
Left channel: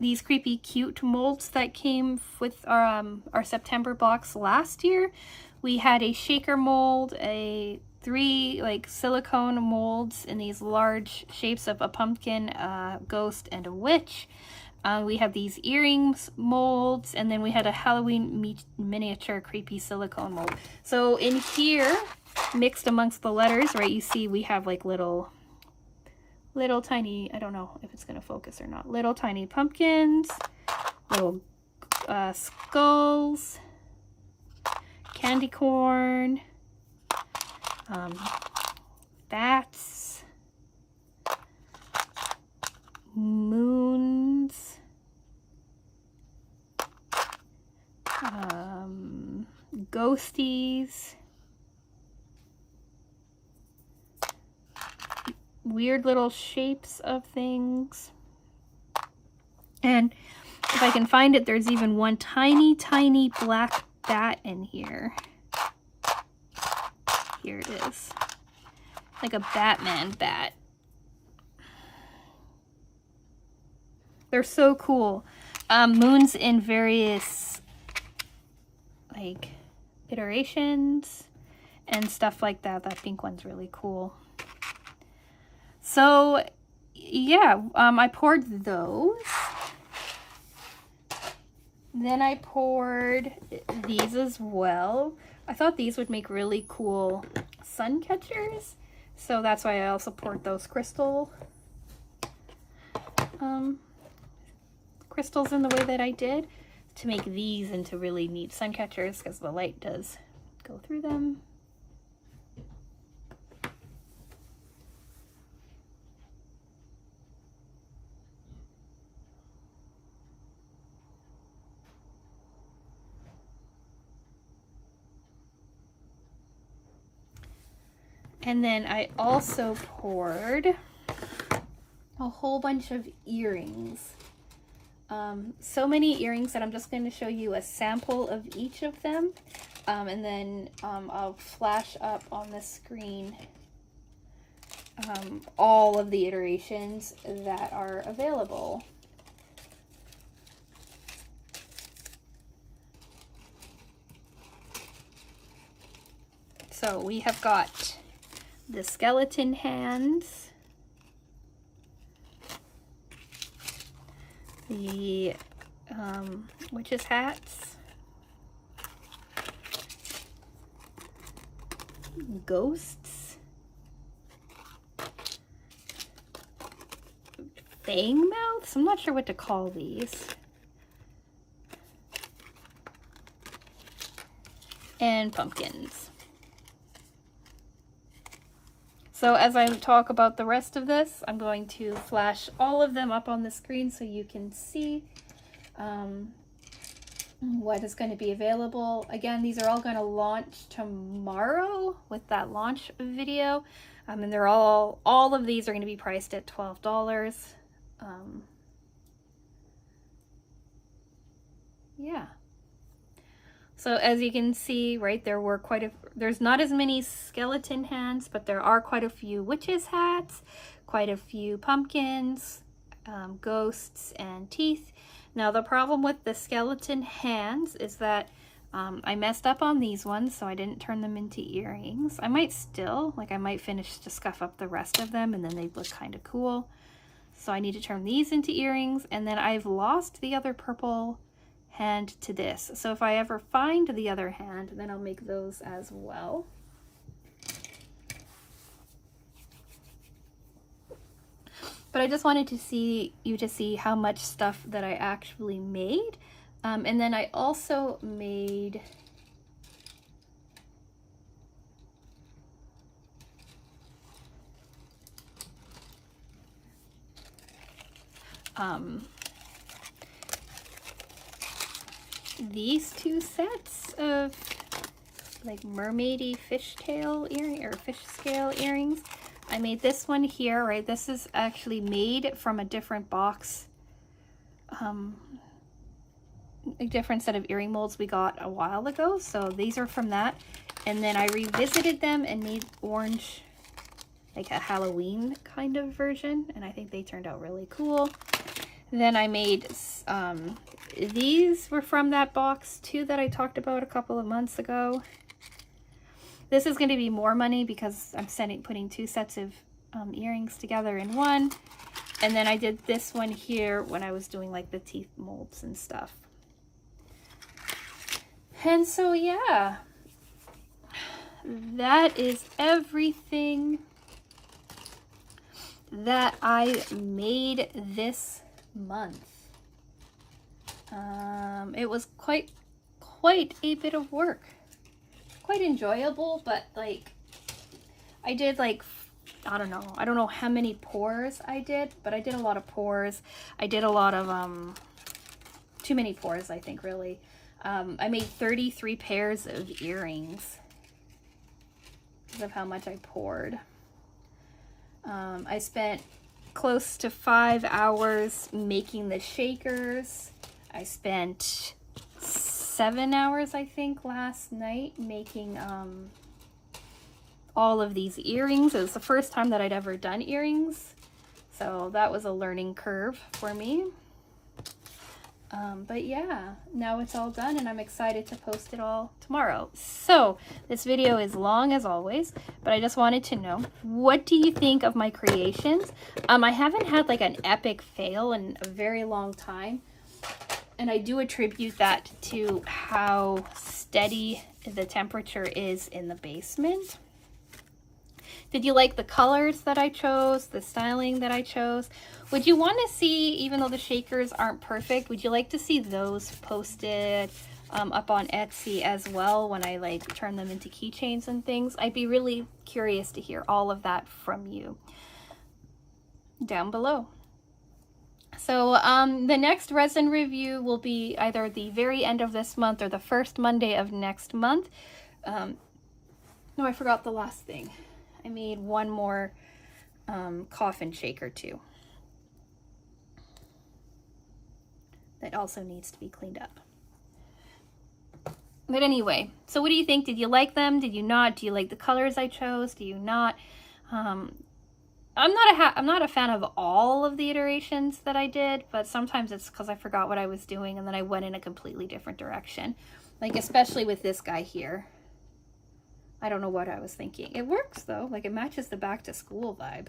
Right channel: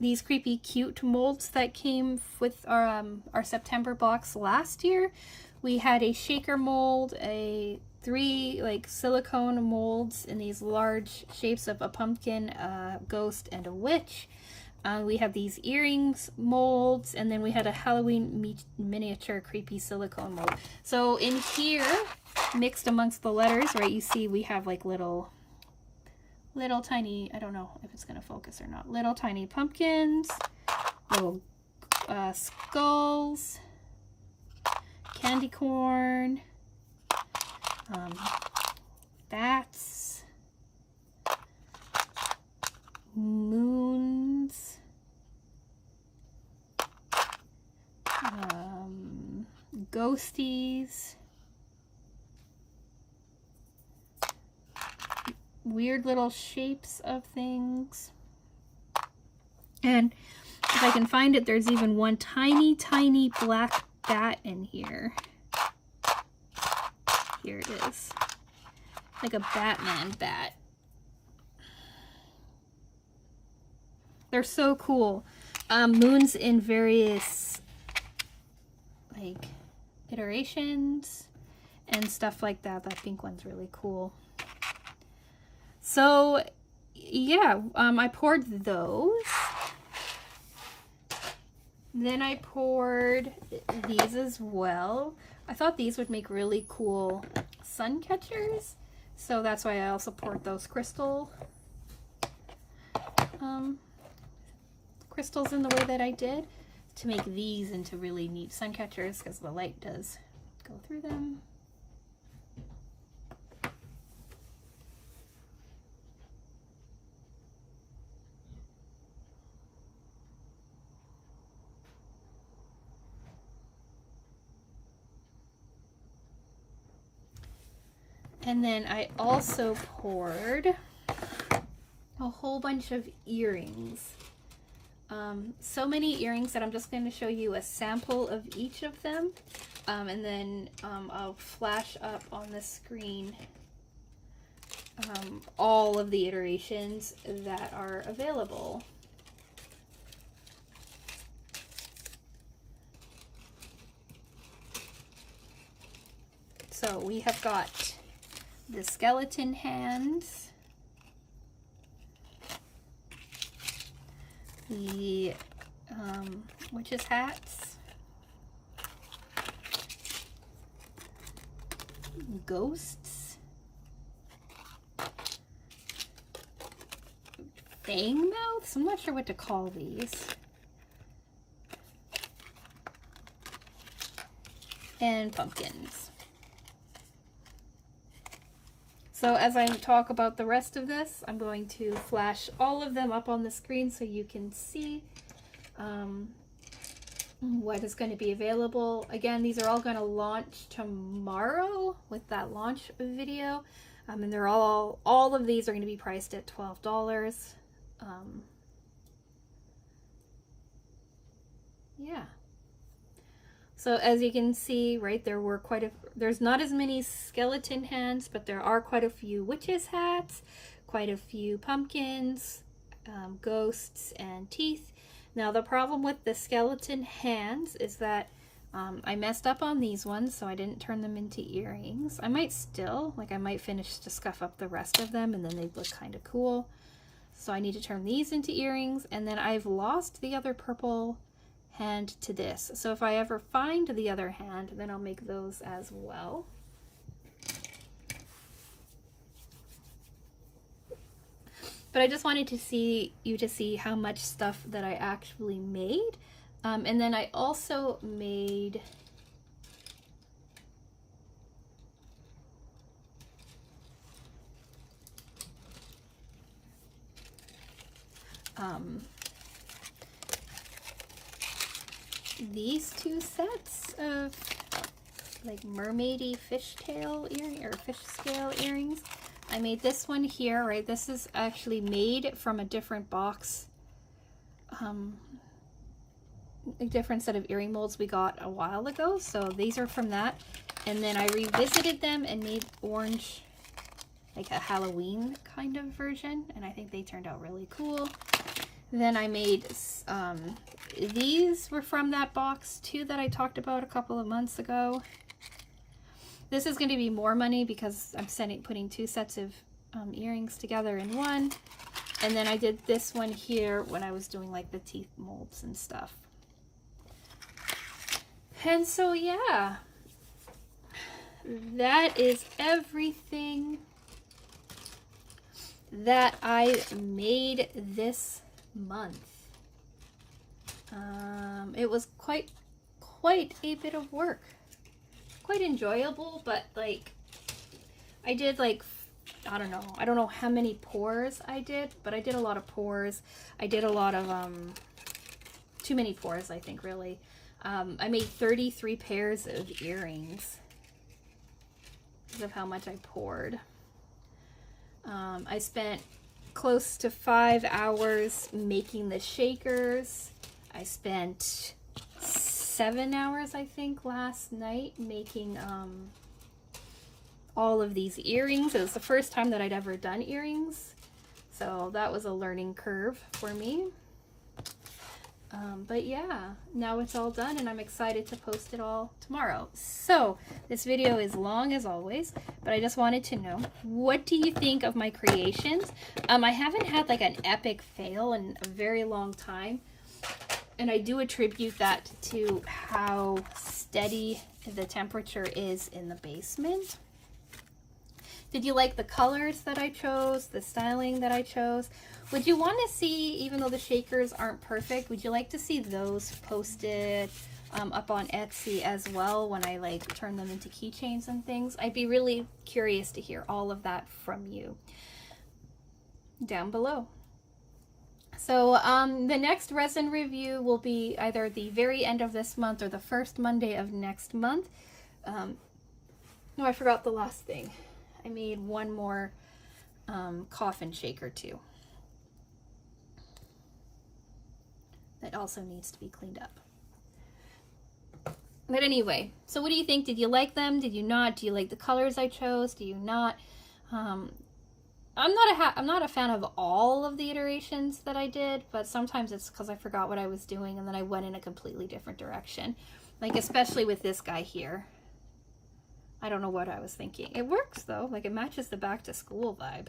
these creepy cute molds that came with our September box last year. We had a shaker mold, three like silicone molds in these large shapes of a pumpkin, a ghost, and a witch. We have these earrings molds, and then we had a Halloween miniature creepy silicone mold. So in here, mixed amongst the letters, right, you see we have like little tiny, I don't know if it's going to focus or not, little tiny pumpkins, little skulls, candy corn, bats, moons, ghosties, weird little shapes of things. And if I can find it, there's even one tiny, tiny black bat in here. Here it is. Like a Batman bat. They're so cool. Moons in various like iterations and stuff like that. That pink one's really cool. So yeah, I poured those. Then I poured these as well. I thought these would make really cool sun catchers, so that's why I also poured those crystals in the way that I did, to make these into really neat sun catchers, because the light does go through them. And then I also poured a whole bunch of earrings. So many earrings that I'm just going to show you a sample of each of them. And then I'll flash up on the screen all of the iterations that are available. So we have got the skeleton hands, the witches hats, ghosts, fang mouths, I'm not sure what to call these, and pumpkins. So as I talk about the rest of this, I'm going to flash all of them up on the screen so you can see what is going to be available. Again, these are all going to launch tomorrow with that launch video. And they're all of these are going to be priced at $12. Yeah. So as you can see, right, there's not as many skeleton hands, but there are quite a few witches hats, quite a few pumpkins, ghosts, and teeth. Now the problem with the skeleton hands is that I messed up on these ones, so I didn't turn them into earrings. I might finish to scuff up the rest of them, and then they'd look kind of cool. So I need to turn these into earrings, and then I've lost the other purple hand to this. So if I ever find the other hand, then I'll make those as well. But I just wanted to see how much stuff that I actually made. And then I also made these two sets of like mermaidy fishtail earring or fish scale earrings. I made this one here, right? This is actually made from a different box, a different set of earring molds we got a while ago. So these are from that. And then I revisited them and made orange, like a Halloween kind of version. And I think they turned out really cool. Then I made, these were from that box too that I talked about a couple of months ago. This is going to be more money because I'm putting two sets of earrings together in one. And then I did this one here when I was doing like the teeth molds and stuff. And so yeah, that is everything that I made this month. It was quite a bit of work. Quite enjoyable, but like I did like, I don't know how many pours I did, but I did a lot of pours. I did a lot of too many pours, I think, really. I made 33 pairs of earrings because of how much I poured. I spent close to 5 hours making the shakers. I spent 7 hours, I think, last night making all of these earrings. It was the first time that I'd ever done earrings, so that was a learning curve for me. But yeah, now it's all done and I'm excited to post it all tomorrow. So this video is long as always, but I just wanted to know, what do you think of my creations? I haven't had like an epic fail in a very long time. And I do attribute that to how steady the temperature is in the basement. Did you like the colors that I chose, the styling that I chose? Would you want to see, even though the shakers aren't perfect, would you like to see those posted up on Etsy as well when I like turn them into keychains and things? I'd be really curious to hear all of that from you down below. So the next resin review will be either the very end of this month or the first Monday of next month. No, I forgot the last thing. I made one more coffin shaker too. That also needs to be cleaned up. But anyway, so what do you think? Did you like them? Did you not? Do you like the colors I chose? Do you not? I'm not a fan of all of the iterations that I did, but sometimes it's because I forgot what I was doing and then I went in a completely different direction. Like especially with this guy here. I don't know what I was thinking. It works though, like it matches the back to school vibe.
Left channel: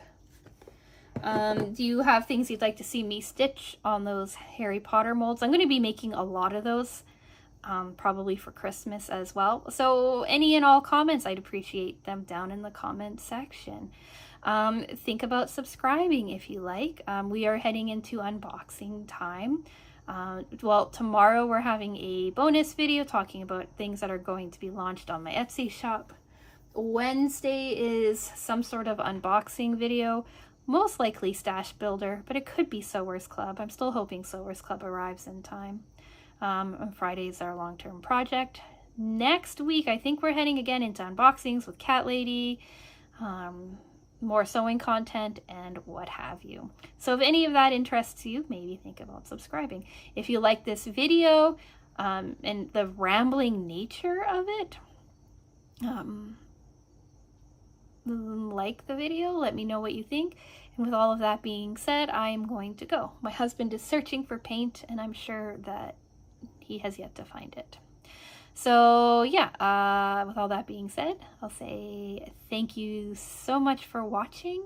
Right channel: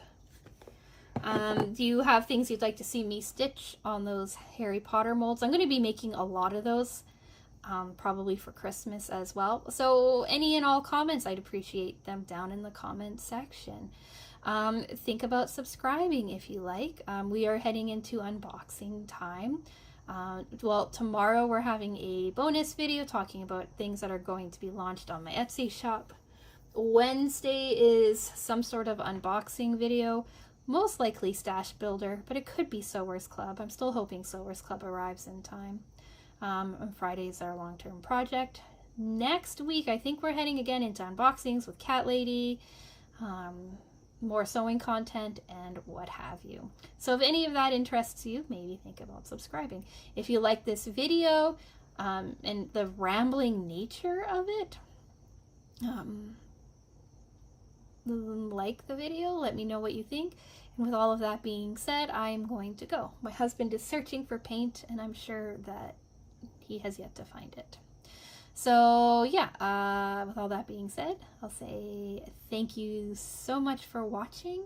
Do you have things you'd like to see me stitch on those Harry Potter molds? I'm going to be making a lot of those, probably for Christmas as well. So any and all comments, I'd appreciate them down in the comment section. Think about subscribing if you like. We are heading into unboxing time. Well, tomorrow we're having a bonus video talking about things that are going to be launched on my Etsy shop. Wednesday is some sort of unboxing video, most likely Stash Builder, but it could be Sewers Club. I'm still hoping Sewers Club arrives in time. On Friday is our long-term project. Next week, I think we're heading again into unboxings with Cat Lady, more sewing content, and what have you. So if any of that interests you, maybe think about subscribing. If you like this video and the rambling nature of it, like the video, let me know what you think. And with all of that being said, I am going to go. My husband is searching for paint and I'm sure that he has yet to find it. So yeah, with all that being said, I'll say thank you so much for watching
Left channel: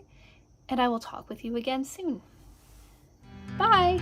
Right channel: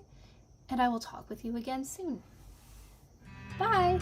and I will talk with you again soon. Bye!